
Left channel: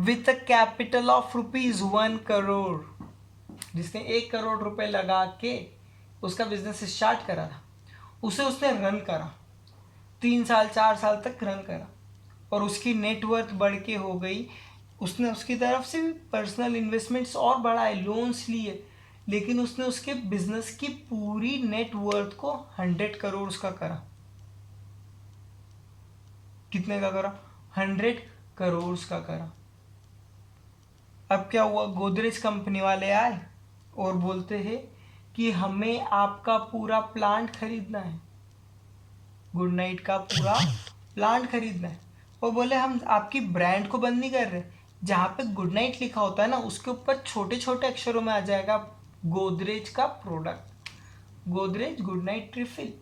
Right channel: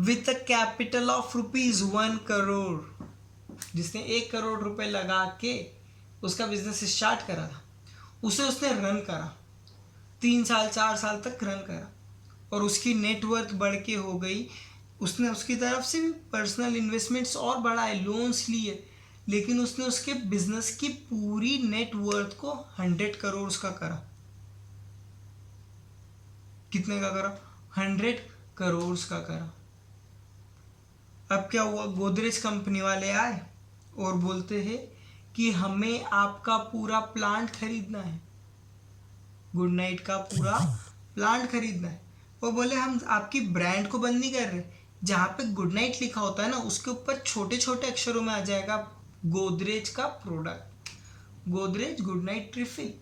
With a capital of ₹1 crore, जिसने 1 करोड़ रुपए लगा के उसका बिजनेस स्टार्ट करा था, उसे उसने रन करा 3 साल 4 साल तक रन करा और उसकी नेटवर्थ बढ़ के हो गई। उसने उसकी तरफ से पर्सनल इन्वेस्टमेंट्स और बढ़ाए, लोन्स लिए, लेकिन उसने उसके बिजनेस की पूरी नेटवर्थ को 100 करोड़ का करा। कितने का करा? 100 करोड़ का करा। अब क्या हुआ, गोदरेज कंपनी वाले आए और बोलते हैं कि हमें आपका पूरा प्लांट खरीदना है, गुड नाइट का पूरा प्लांट खरीदना है। और बोले हम आपकी ब्रांड को बंद नहीं कर रहे, जहाँ पे गुड नाइट लिखा होता है ना उसके ऊपर छोटे छोटे अक्षरों में आ जाएगा गोदरेज का product, Godrej good night refill.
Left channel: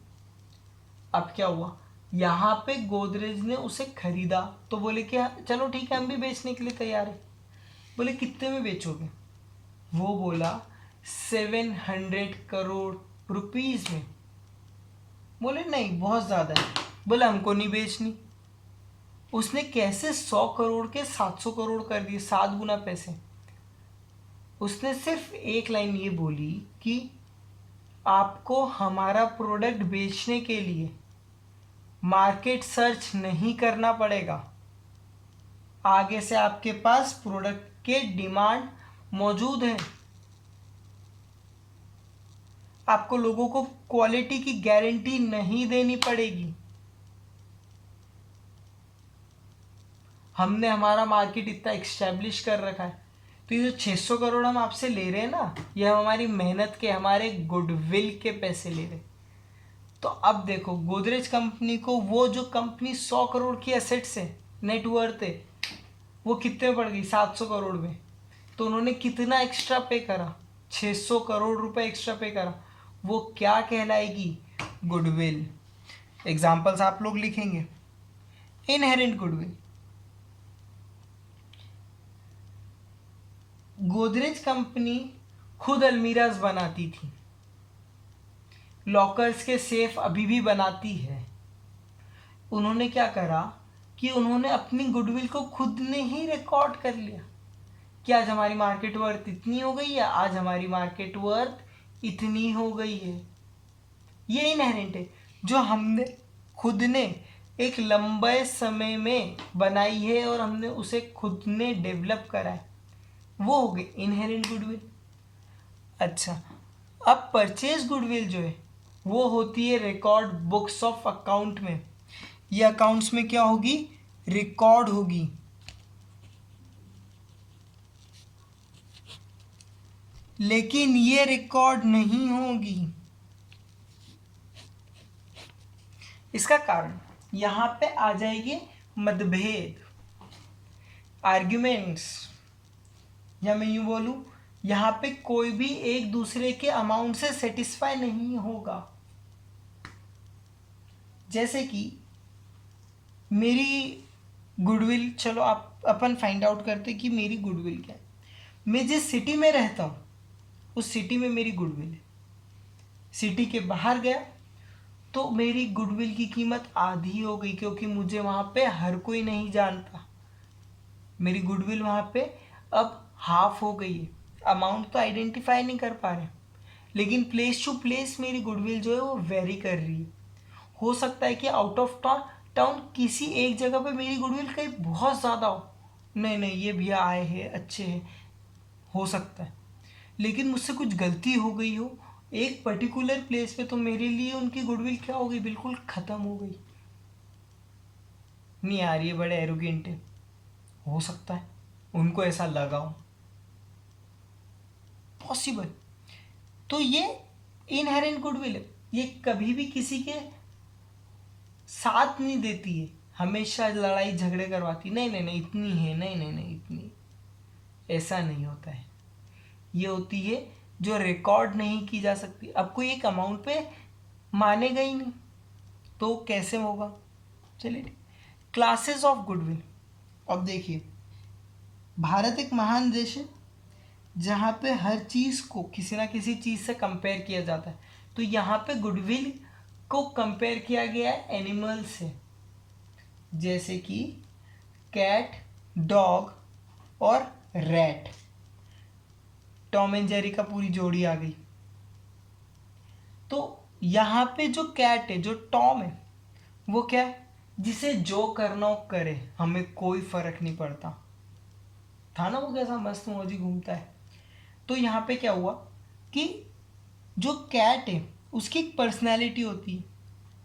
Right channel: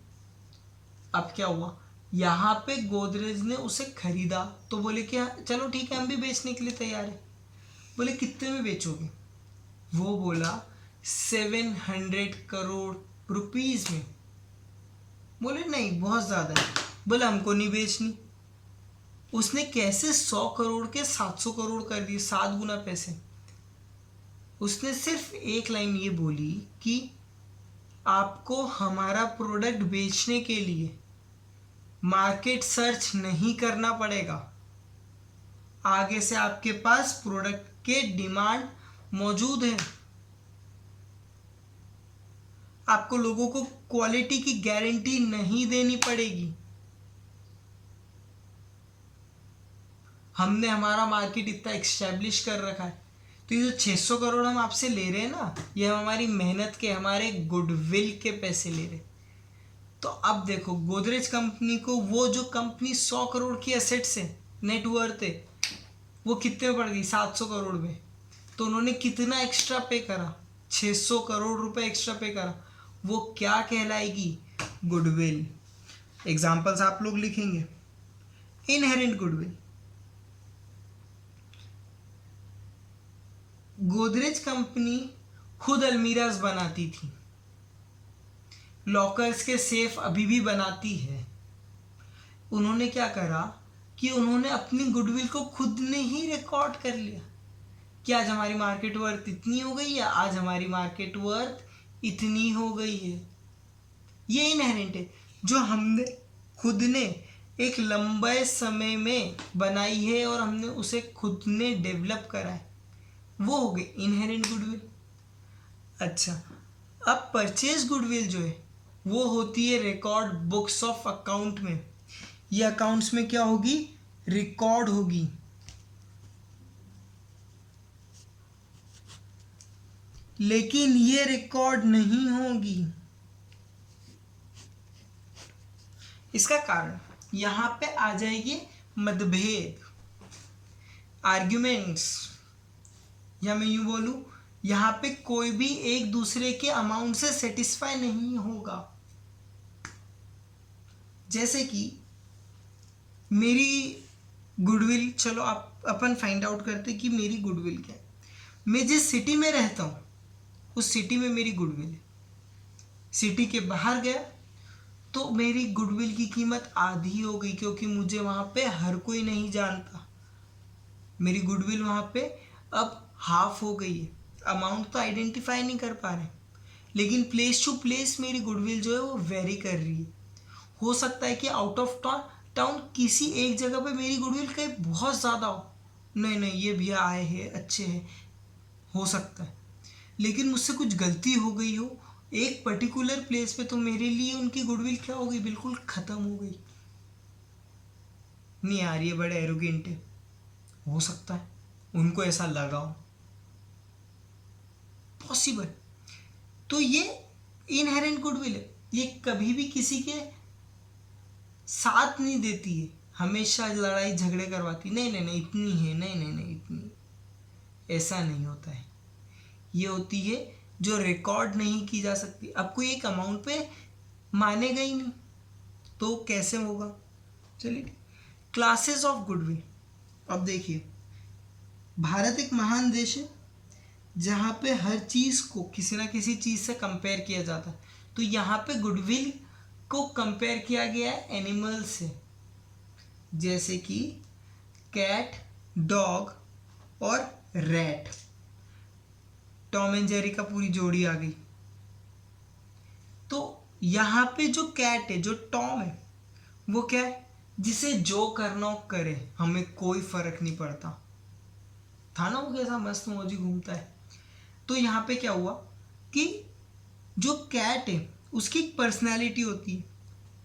अब क्या हुआ, यहाँ पे गोदरेज ने उसे खरीदा तो बोले कि चलो ठीक है हम भी बेचने के लिए तैयार है। बोले कितने में बेचोगे? वो बोला 700 करोड़ रुपीज में। बोले नहीं बहुत ज़्यादा है। बोले हमको नहीं बेचनी। उसने कैसे 100 करोड़ के 700 करोड़ कर दिए, 7 गुना पैसे। उसने सिर्फ एक लाइन ये बोली कि आपको हमारा प्रोडक्ट बेचने के लिए मार्केट सर्च नहीं करना पड़ेगा, आगे से आपके पास प्रोडक्ट के डिमांड मौजूद है। आपको लोगों को क्वालिटी की गारंटी नहीं देनी पड़ेगी। हमने हमारा मार्केट इतना एक्स्टैब्लिश कर रखा है। तो ये जो 600 करोड़ हम आपसे ले रहे हैं ना, ये हम हमारी मेहनत के, हमारे गुडविल के पैसे ले रहे। तो अब देखो गोदरेज कंपनी को वो जो कंपनी 100 करोड़ की एसेट्स है, नेटवर्थ है, वो कितने में पड़ गई? 700 करोड़ में। तो उन्होंने कितना एक्स्ट्रा पे करा? 600 करोड़ रुपए एक्स्ट्रा पे करा। वो क्या कहलाएगी? गुडविल। एग्जाम्पल्स आप लोग लिखेंगे। इनहेरेंट गुडविल, गोदरेज कंपनी खुद अलमीराज बनाती थी, लॉकर्स के सेफ अभी भी बनाती है। उन्होंने क्या करा कि उन्होंने अपनी गुडविल को खुद ने ही रिकॉर्ड कर लिया कि आज हमारी मार्केट वर्थ इतनी हो गई है, आज हमारी मार्केट वर्थ इतनी हो गई है। ये इनहेरेंट है, जो हमने खुद ने एक लंबे समय में बनाई है और हमने उसे खुद ने डेवलप करा है, वो हो गई इनहेरेंट गुडविल। अच्छा, अब परचेज गुडविल जो है वो होती है रिकॉर्ड बुक्स ऑफ अकाउंट में। ये अकाउंट्स में क्या होगी? रिकॉर्ड होगी। लेकिन ये रिकॉर्ड नहीं होगी। इसका कारण यहां पे आ जाएगी मतभेद, आर्ग्यूमेंट्स, या मैं यूं बोलूं यहां पे कोई भी एक दूसरे के अमाउंट से सेटिस्फाई नहीं होगा। जैसे कि मेरी गुडविल, चलो आप अपन फाइंड आउट करते कि मेरी गुडविल क्या है। मैं जिस सिटी में रहता हूँ उस सिटी में मेरी गुडविल है। सिटी के बाहर गया तो मेरी गुडविल की कीमत आधी हो गई, क्योंकि मुझे वहाँ पे हर कोई नहीं जानता। मेरी गुडविल वहाँ पे अब हाफ हो गई है। अमाउंट तो आइडेंटिफाई नहीं कर पा रहे, लेकिन प्लेस टू प्लेस मेरी गुडविल जो है वो वेरी कर रही है। हो सकता है कि आउट ऑफ टाउन किसी एक जगह पे मेरी गुडविल कहीं बहुत ज़्यादा हो, नहीं नहीं ये भैया आए हैं अच्छे हैं, हो सकता है। लेकिन मुझसे कुछ गलती हो गई हो एक पर्टिकुलर प्लेस पे, तो मेरे लिए उनकी गुडविल क्या हो गई? बिल्कुल ख़त्म हो गई। नहीं यार ये बड़े एरोगेंट है, हो सकता है उनको ऐसा लगा हो, पॉसिबल। तो ये इनहेरेंट गुडविल है, ये कभी भी किसी के साथ नहीं देती है, हमेशा लड़ाई झगड़े करवाती, नहीं नहीं नहीं इतनी है, नहीं नहीं नहीं इतनी, ऐसा नहीं होता है। ये होती है जो रिकॉर्ड नहीं की जा सकती। अब कोई एक अमाउंट पे मानेगा ही नहीं तो कैसे होगा? चलिए, क्लासेस ऑफ गुडविल। अब देखिए, भारत एक महान देश है जहाँ पे हर चीज़ को किसी ना किसी चीज़ से कंपेयर किया जाता है। तो यहाँ पे गुडविल को कंपेयर किया गया है एनिमल से, जैसे कि कैट, डॉग और रैट। टॉम एंड जेरी का पूरी जोड़ी आ गई। तो यहाँ पे जो कैट है, जो टॉम है, वो क्या है? जिसे जो करना हो करे, हमें कोई फर्क नहीं पड़ता। था ना वो कैसा मस्त मौजी घूमता है। तो यहाँ पे क्या हुआ कि जो कैट है उसकी एक पर्सनैलिटी होती है,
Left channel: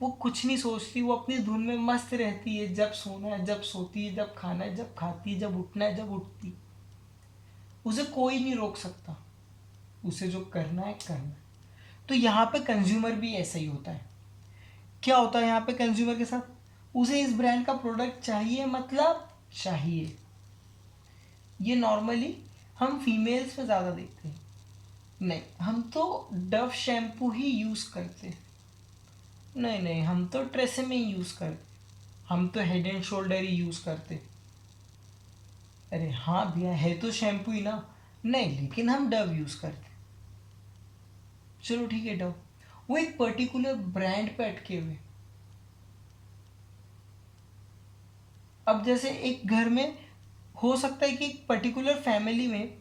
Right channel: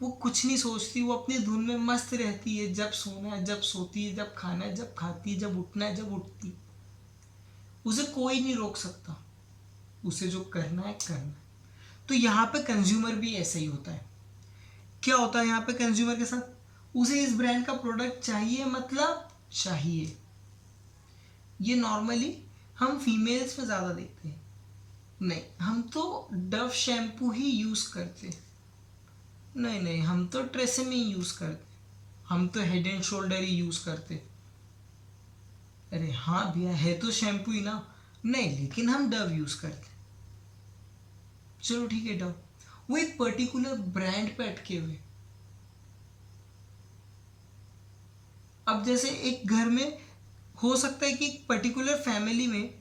वो कुछ नहीं सोचती, वो अपनी धुन में मस्त रहती है। जब सोना है जब सोती है, जब खाना है जब खाती है, जब उठना है जब उठती है। उसे कोई नहीं रोक सकता, उसे जो करना है करना है। तो यहाँ पे कंज्यूमर भी ऐसा ही होता है। क्या होता है यहाँ पे कंज्यूमर के साथ? उसे इस ब्रांड का प्रोडक्ट चाहिए, मतलब चाहिए। ये नॉर्मली हम फीमेल्स में ज़्यादा देखते हैं। नहीं, हम तो डव शैम्पू ही यूज़ करते, नहीं नहीं हम तो ट्रेसेमे ही यूज़ करते, हम तो head and shoulder he use करते। अरे हाँ भैया है तो शैम्पू ही ना, नहीं लेकिन हम डव यूज़ करते। चलो ठीक है डव, वो एक पर्टिकुलर ब्रांड पे अटके हुए। अब जैसे एक घर में हो सकता है कि एक पर्टिकुलर फैमिली में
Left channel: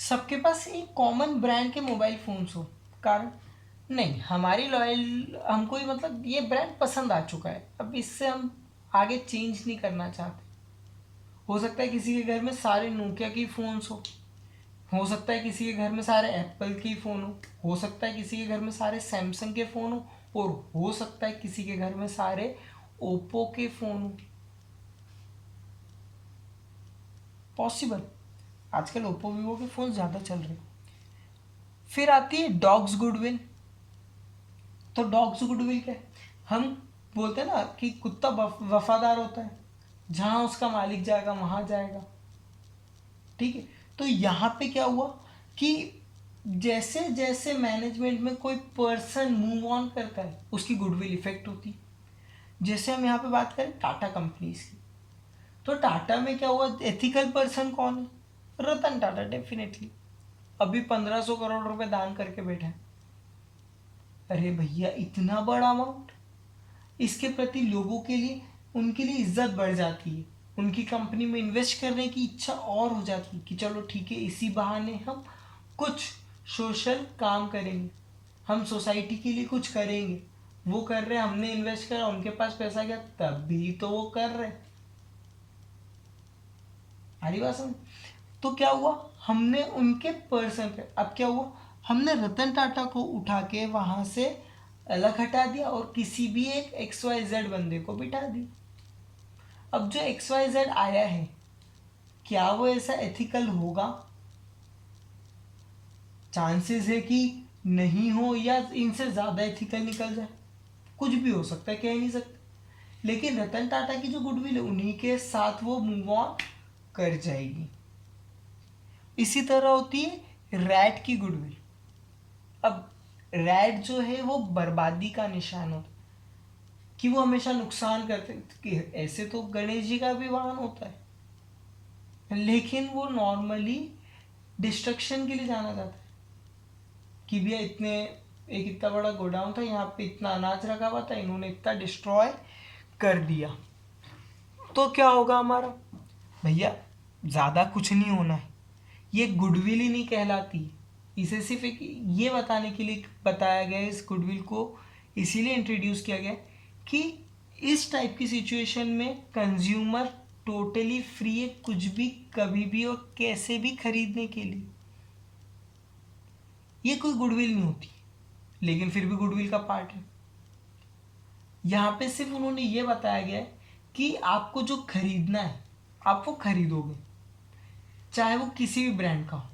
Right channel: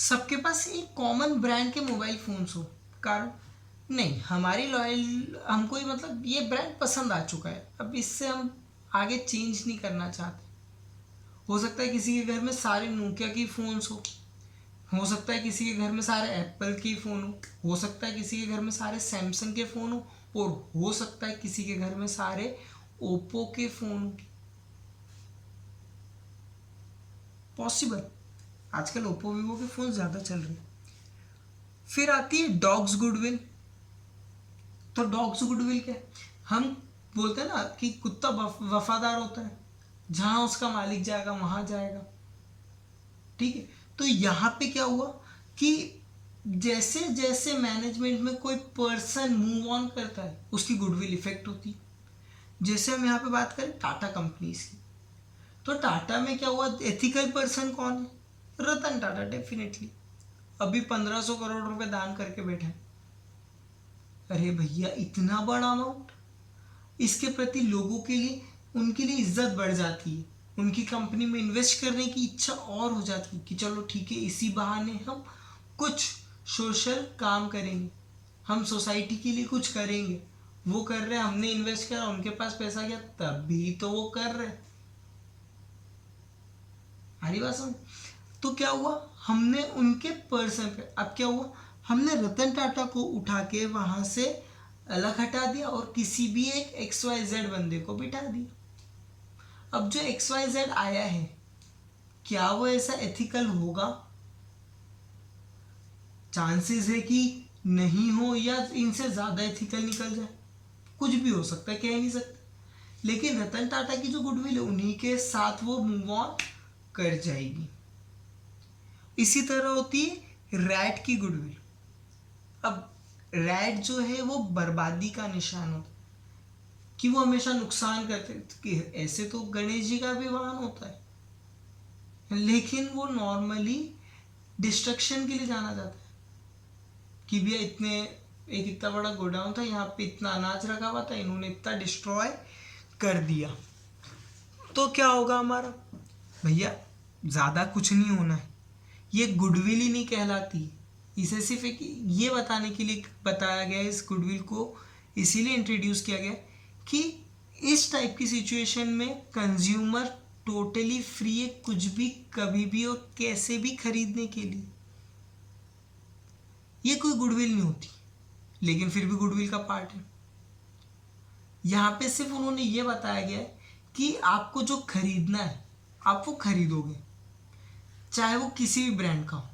सबके पास एक कॉमन ब्रांड के मोबाइल फ़ोन्स हो, कारण नहीं हमारी लॉयल, हमको ही मतलब ये ब्रांड पसंद आ चुका है, अब इससे हम आगे चेंज नहीं करना चाहते। हो सकता है किसी के घर में सारे नोकिया के फ़ोन्स हो सकता है किसी के घर में सारे एप्पल के फ़ोन हो सकता है किसी के घर में सारे सैमसंग के फ़ोन हो, और हो सकता है किसी के घर में सारे ओप्पो के फ़ोन हो। पॉसिबल, आजकल ओप्पो वीवो के फ़ोन ज़्यादा चल रहे हैं। फिर आती है डॉग्स गुडविल। तो डॉग्स गुडविल क्या है? हम बोलते हैं ना कि कुत्ता वफादार होता है, जहाँ उसका मालिक जाएगा वहाँ जाएगा, ठीक है। तो यहाँ पे क्या हुआ कि जैसे जैसे मैनेजमेंट में कोई पर्सन मूव ऑन करता है उसकी गुडविल इफेक्ट होती है। जैसे हम यहाँ पे बात करें टाटा कंपनीज की, तो टाटा में क्या हुआ? एथिकल पर्सन कौन है? रतन टाटा, डेफिनेटली। अभी 1500 करोड़ रुपए दान करके बैठा है। अरे भैया इतना बड़ा अमाउंट, इसके प्रति लोगों के लिए, उनके लिए इज्जत बढ़ जाती है, उनकी कंपनी में इन्वेस्ट करने की इच्छा और हो जाती है कि चलो ठीक है इसी बहाने हम कुछ सोशल काम करेंगे, हम सोसाइटी के लिए कुछ करेंगे। वो कर रहे, हमने इन्वेस्ट करा, उनके पास पैसा गया, तभी तो वो कर रहे। आ रही बात समझ? तो क्या हुआ, हमने उनके पर्सन पे, अब क्या हुआ, हमने रतन टाटा को उठा के वहां से अलग हटा दिया और किसी भी एक XYZ बंदे को बिठा दिया। अब जो XYZ आया है, क्या वो ऐसा एथिकल होगा? चांसेस है कि नहीं हो, या इनसे ज़्यादा एथिकल निकल जाए, कुछ भी हो सकता है, कह नहीं सकते। लेकिन रतन टाटा की जो गुडविल है, उन्हीं के साथ वो मूव ऑन कर जाएगी। इसी तरह होती है रैट की गुडविल। अब रैट जो है वो बर्बादी का निशान होता है, कि वो हमेशा नुकसान करते, कि ऐसे तो गणेश जी का भी वाहन होता है, लेकिन वो नॉर्मली डिस्ट्रक्शन के लिए जाना जाता है, कि भैया एक इतना बड़ा गोडाउन था, यहाँ पे इतना अनाज रखा हुआ था, इन्होंने इतना डिस्ट्रॉय कर दिया, तो क्या होगा हमारा? भैया ज़्यादा कुछ नहीं होना है, ये गुडविल ही नहीं कहलाती। इसे सिर्फ एक ये बताने के लिए बताया गया है, इस गुडविल को इसीलिए इंट्रोड्यूस किया गया कि इस टाइप की सिचुएशन में कंज्यूमर टोटली फ्री है कुछ भी कभी भी और कैसे भी खरीदने के लिए। ये कोई गुडविल नहीं होती, लेकिन फिर भी गुडविल का पार्ट है। यहाँ पे सिर्फ उन्होंने ये बताया गया है कि आपको जो खरीदना है आप वो खरीदोगे, चाहे वो किसी भी ब्रांड का हो,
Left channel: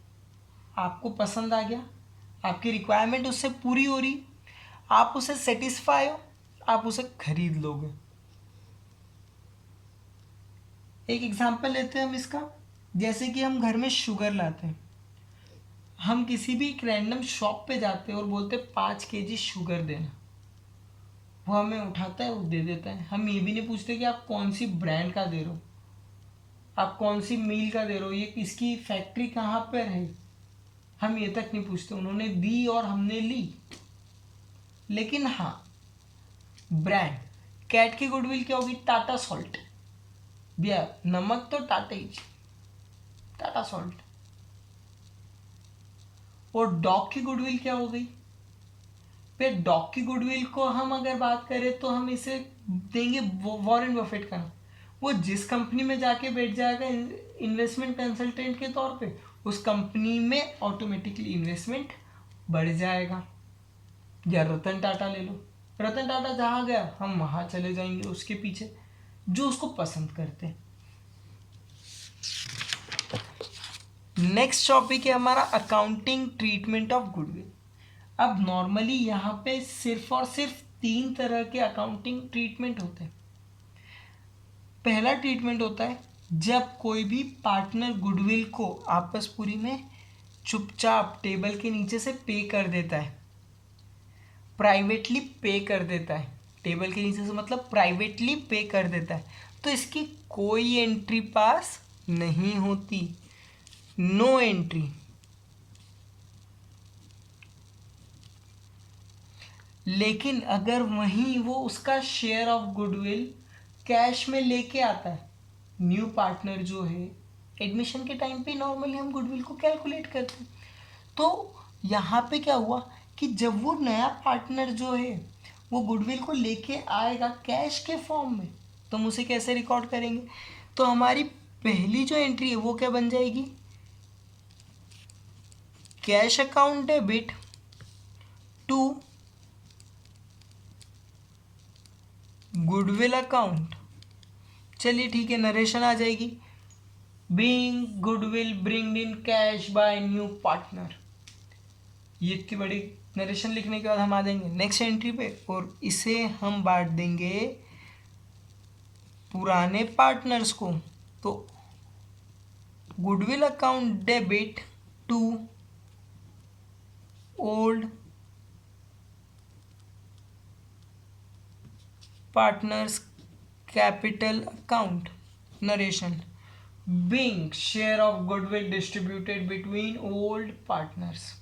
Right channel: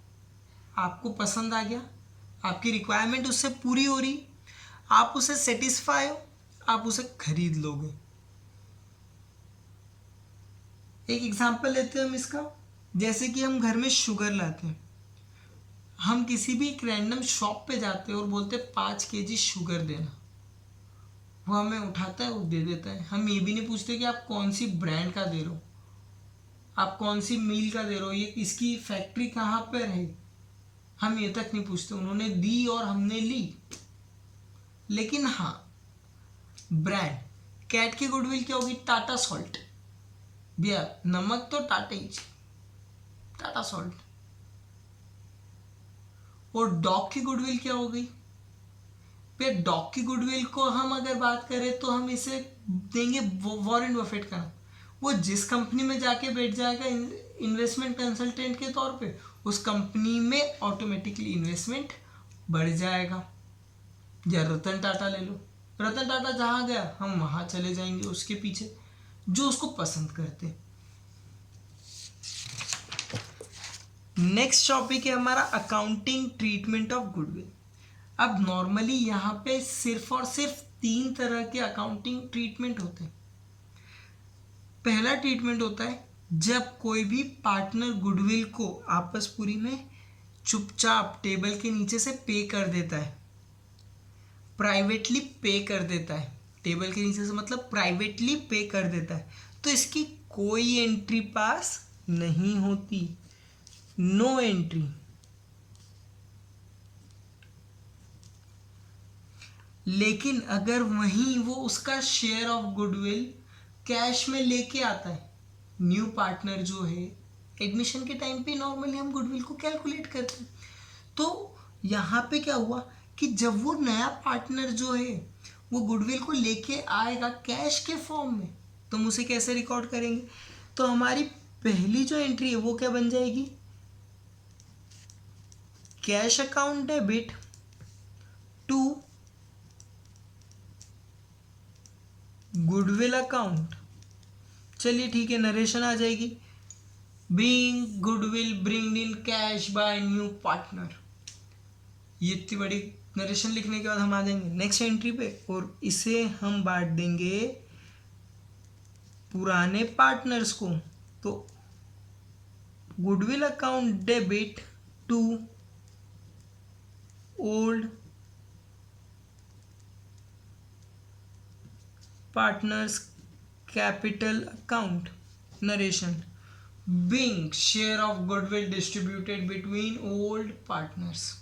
आपको पसंद आ गया, आपकी रिक्वायरमेंट उससे पूरी हो रही, आप उसे सेटिस्फाई हो, आप उसे खरीद लोगे। एक एग्जांपल लेते हैं हम इसका, जैसे कि हम घर में शुगर लाते हैं, हम किसी भी एक रैंडम शॉप पे जाते हैं और बोलते हैं 5 kg शुगर देना, वो हमें उठाता है, वो दे देता है। हम ये भी नहीं पूछते कि आप कौन सी ब्रांड का दे रहे हो, आप कौन सी मील का दे रहे हो, ये इसकी फैक्ट्री कहाँ पर है, हम ये तक नहीं पूछते, उन्होंने दी और हमने ली। लेकिन हाँ, ब्रांड कैट की गुडविल क्या होगी? टाटा सॉल्ट, भैया नमक तो टाटा ही, टाटा सॉल्ट। और डॉग की गुडविल क्या हो गई? फिर डॉग की गुडविल को हम अगर बात करें तो हम इसे देंगे वॉरेन बफेट का नाम। वो जिस कंपनी में जाके बैठ जाएगा इन्वेस्टमेंट कंसल्टेंट के तौर पे, उस कंपनी में ऑटोमेटिकली इन्वेस्टमेंट बढ़ जाएगा। या रतन टाटा ले लो, रतन टाटा जहाँ गया हम वहाँ चले जाएंगे उसके पीछे, जो उसको पसंद करते हैं। नेक्स्ट टॉपिक है हमारा अकाउंटिंग ट्रीटमेंट ऑफ गुडविल। अब नॉर्मली यहाँ पे सिर्फ और सिर्फ 3 तरह के अकाउंटिंग ट्रीटमेंट होते हैं। पहला ट्रीटमेंट होता है जब कोई भी पार्टनर गुडविल को आपस पूरी में चुपचाप टेबल के नीचे से पे कर देता है, प्राइवेटली पे कर देता है, टेबल के नीचे से मतलब प्राइवेटली पे कर देता है, तो इसकी कोई एंट्री पास नहीं होती, नो एंट्री। लेकिन अगर वहीं वो उसका शेयर ऑफ गुडविल कैश में लेके आता है, न्यू पार्टनर जो है, एडमिशन के टाइम पे नॉर्मली हम गुडविल को कैलकुलेट करते हैं, तो यहाँ पे क्या हुआ कि जब वो नया पार्टनर जो है वो गुडविल को लेके आएगा कैश के फॉर्म में, तो हम उसे कैसे रिकॉर्ड करेंगे? तो हमारी पहली जो एंट्री है वो क्या बन जाएगी? Cash account debit to goodwill account. चलिए ठीक है, नरेशन आ जाएगी, being goodwill bring in cash by new partner. ये इतनी बड़ी नरेशन लिखने के बाद हम आ जाएंगे नेक्स्ट एंट्री पे, और इसे हम बांट देंगे पुराने पार्टनर्स को। तो goodwill account debit to old partners capital account. Narration, being share of goodwill distributed between old partners.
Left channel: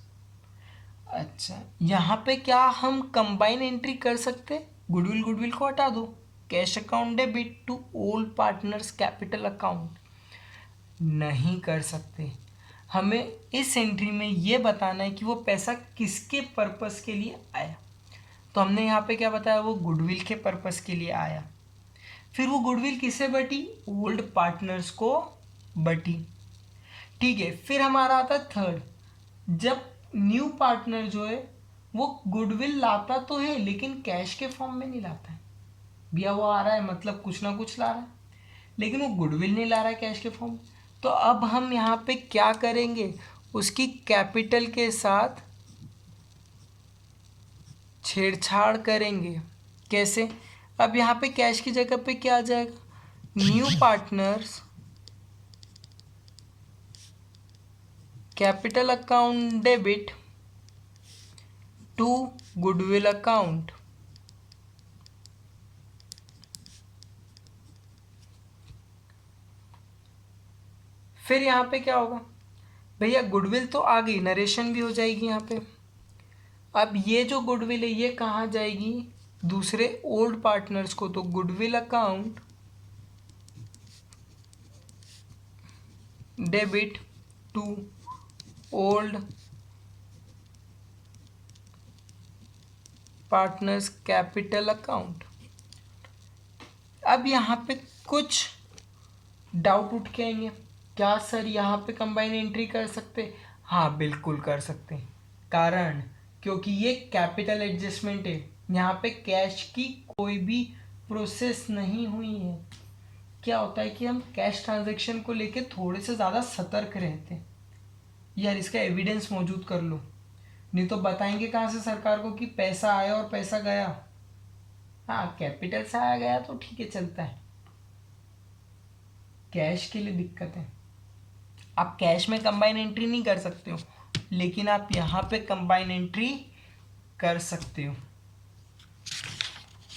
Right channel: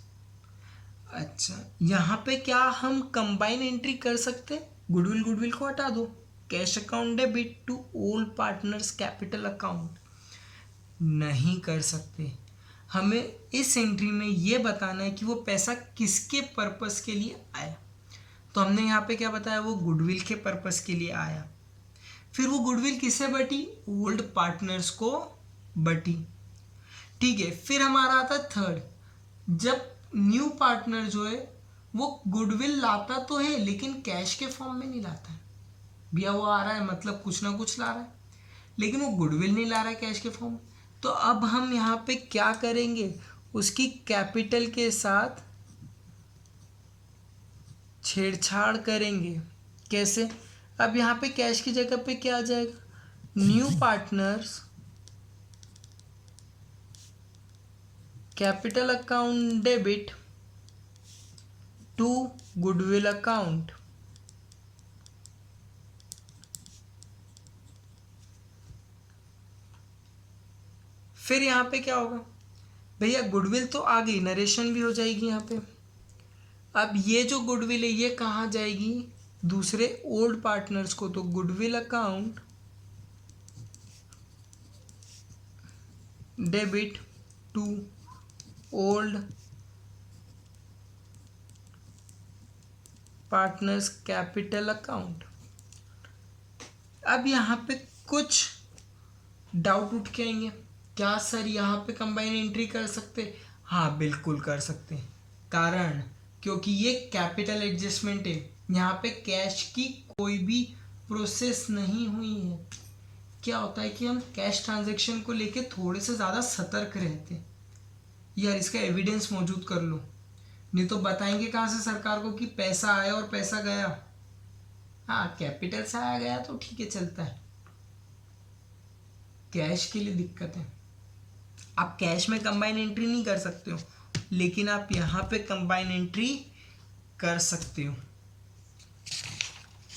अच्छा, यहाँ पे क्या हम कंबाइन एंट्री कर सकते? गुडविल गुडविल को हटा दो, cash account debit to old partners capital account, नहीं कर सकते। हमें इस एंट्री में ये बताना है कि वो पैसा किसके पर्पस के लिए आया। तो हमने यहाँ पे क्या बताया, वो गुडविल के पर्पस के लिए आया। फिर वो गुडविल किससे बटी, ओल्ड पार्टनर्स को बटी। ठीक है, फिर हमारा आता है थर्ड, जब न्यू पार्टनर जो है वो गुडविल लाता तो है लेकिन कैश के फॉर्म में नहीं लाता है। भैया वो आ रहा है मतलब कुछ ना कुछ ला रहा है, लेकिन वो गुडविल नहीं ला रहा है कैश के फॉर्म में। तो अब हम यहाँ पे क्या करेंगे, उसकी कैपिटल के साथ छेड़छाड़ करेंगे। कैसे, अब यहाँ पे कैश की जगह पे क्या आ जाएगा, new partners capital account debit to goodwill account. फिर यहाँ पे क्या होगा भैया, गुडविल तो आ गई, नरेशन भी हो जाएगी यहाँ पे। अब ये जो गुडविल है ये कहाँ जाएगी, दूसरे ओल्ड पार्टनर्स को। तो goodwill account debit to old partners capital account. अब यहाँ पे कुछ डाउट उठ के आएंगे, क्या सर यहाँ पे कंबाइन एंट्री कर सकते, हाँ बिल्कुल कर सकते हैं। कारण, क्योंकि ये कैपिटल एडजस्टमेंट है, यहाँ पे कैश की कोई भी प्रोसेस नहीं हुई है। क्या होता है कि हम कैश ट्रांजैक्शन को लेके थोड़े से ज़्यादा सतर्क रहते हैं, यार इसका एविडेंस मौजूद कर लो, नहीं तो बताएंगे कहाँ से सरकार को कि पैसा आया और पैसा गया। हाँ कैपिटल से आया गया तो ठीक है चलता है, कैश के लिए दिक्कत है। आप कैश में कंबाइन एंट्री नहीं कर सकते हो, लेकिन आप यहाँ पे कंबाइन एंट्री कर सकते हो।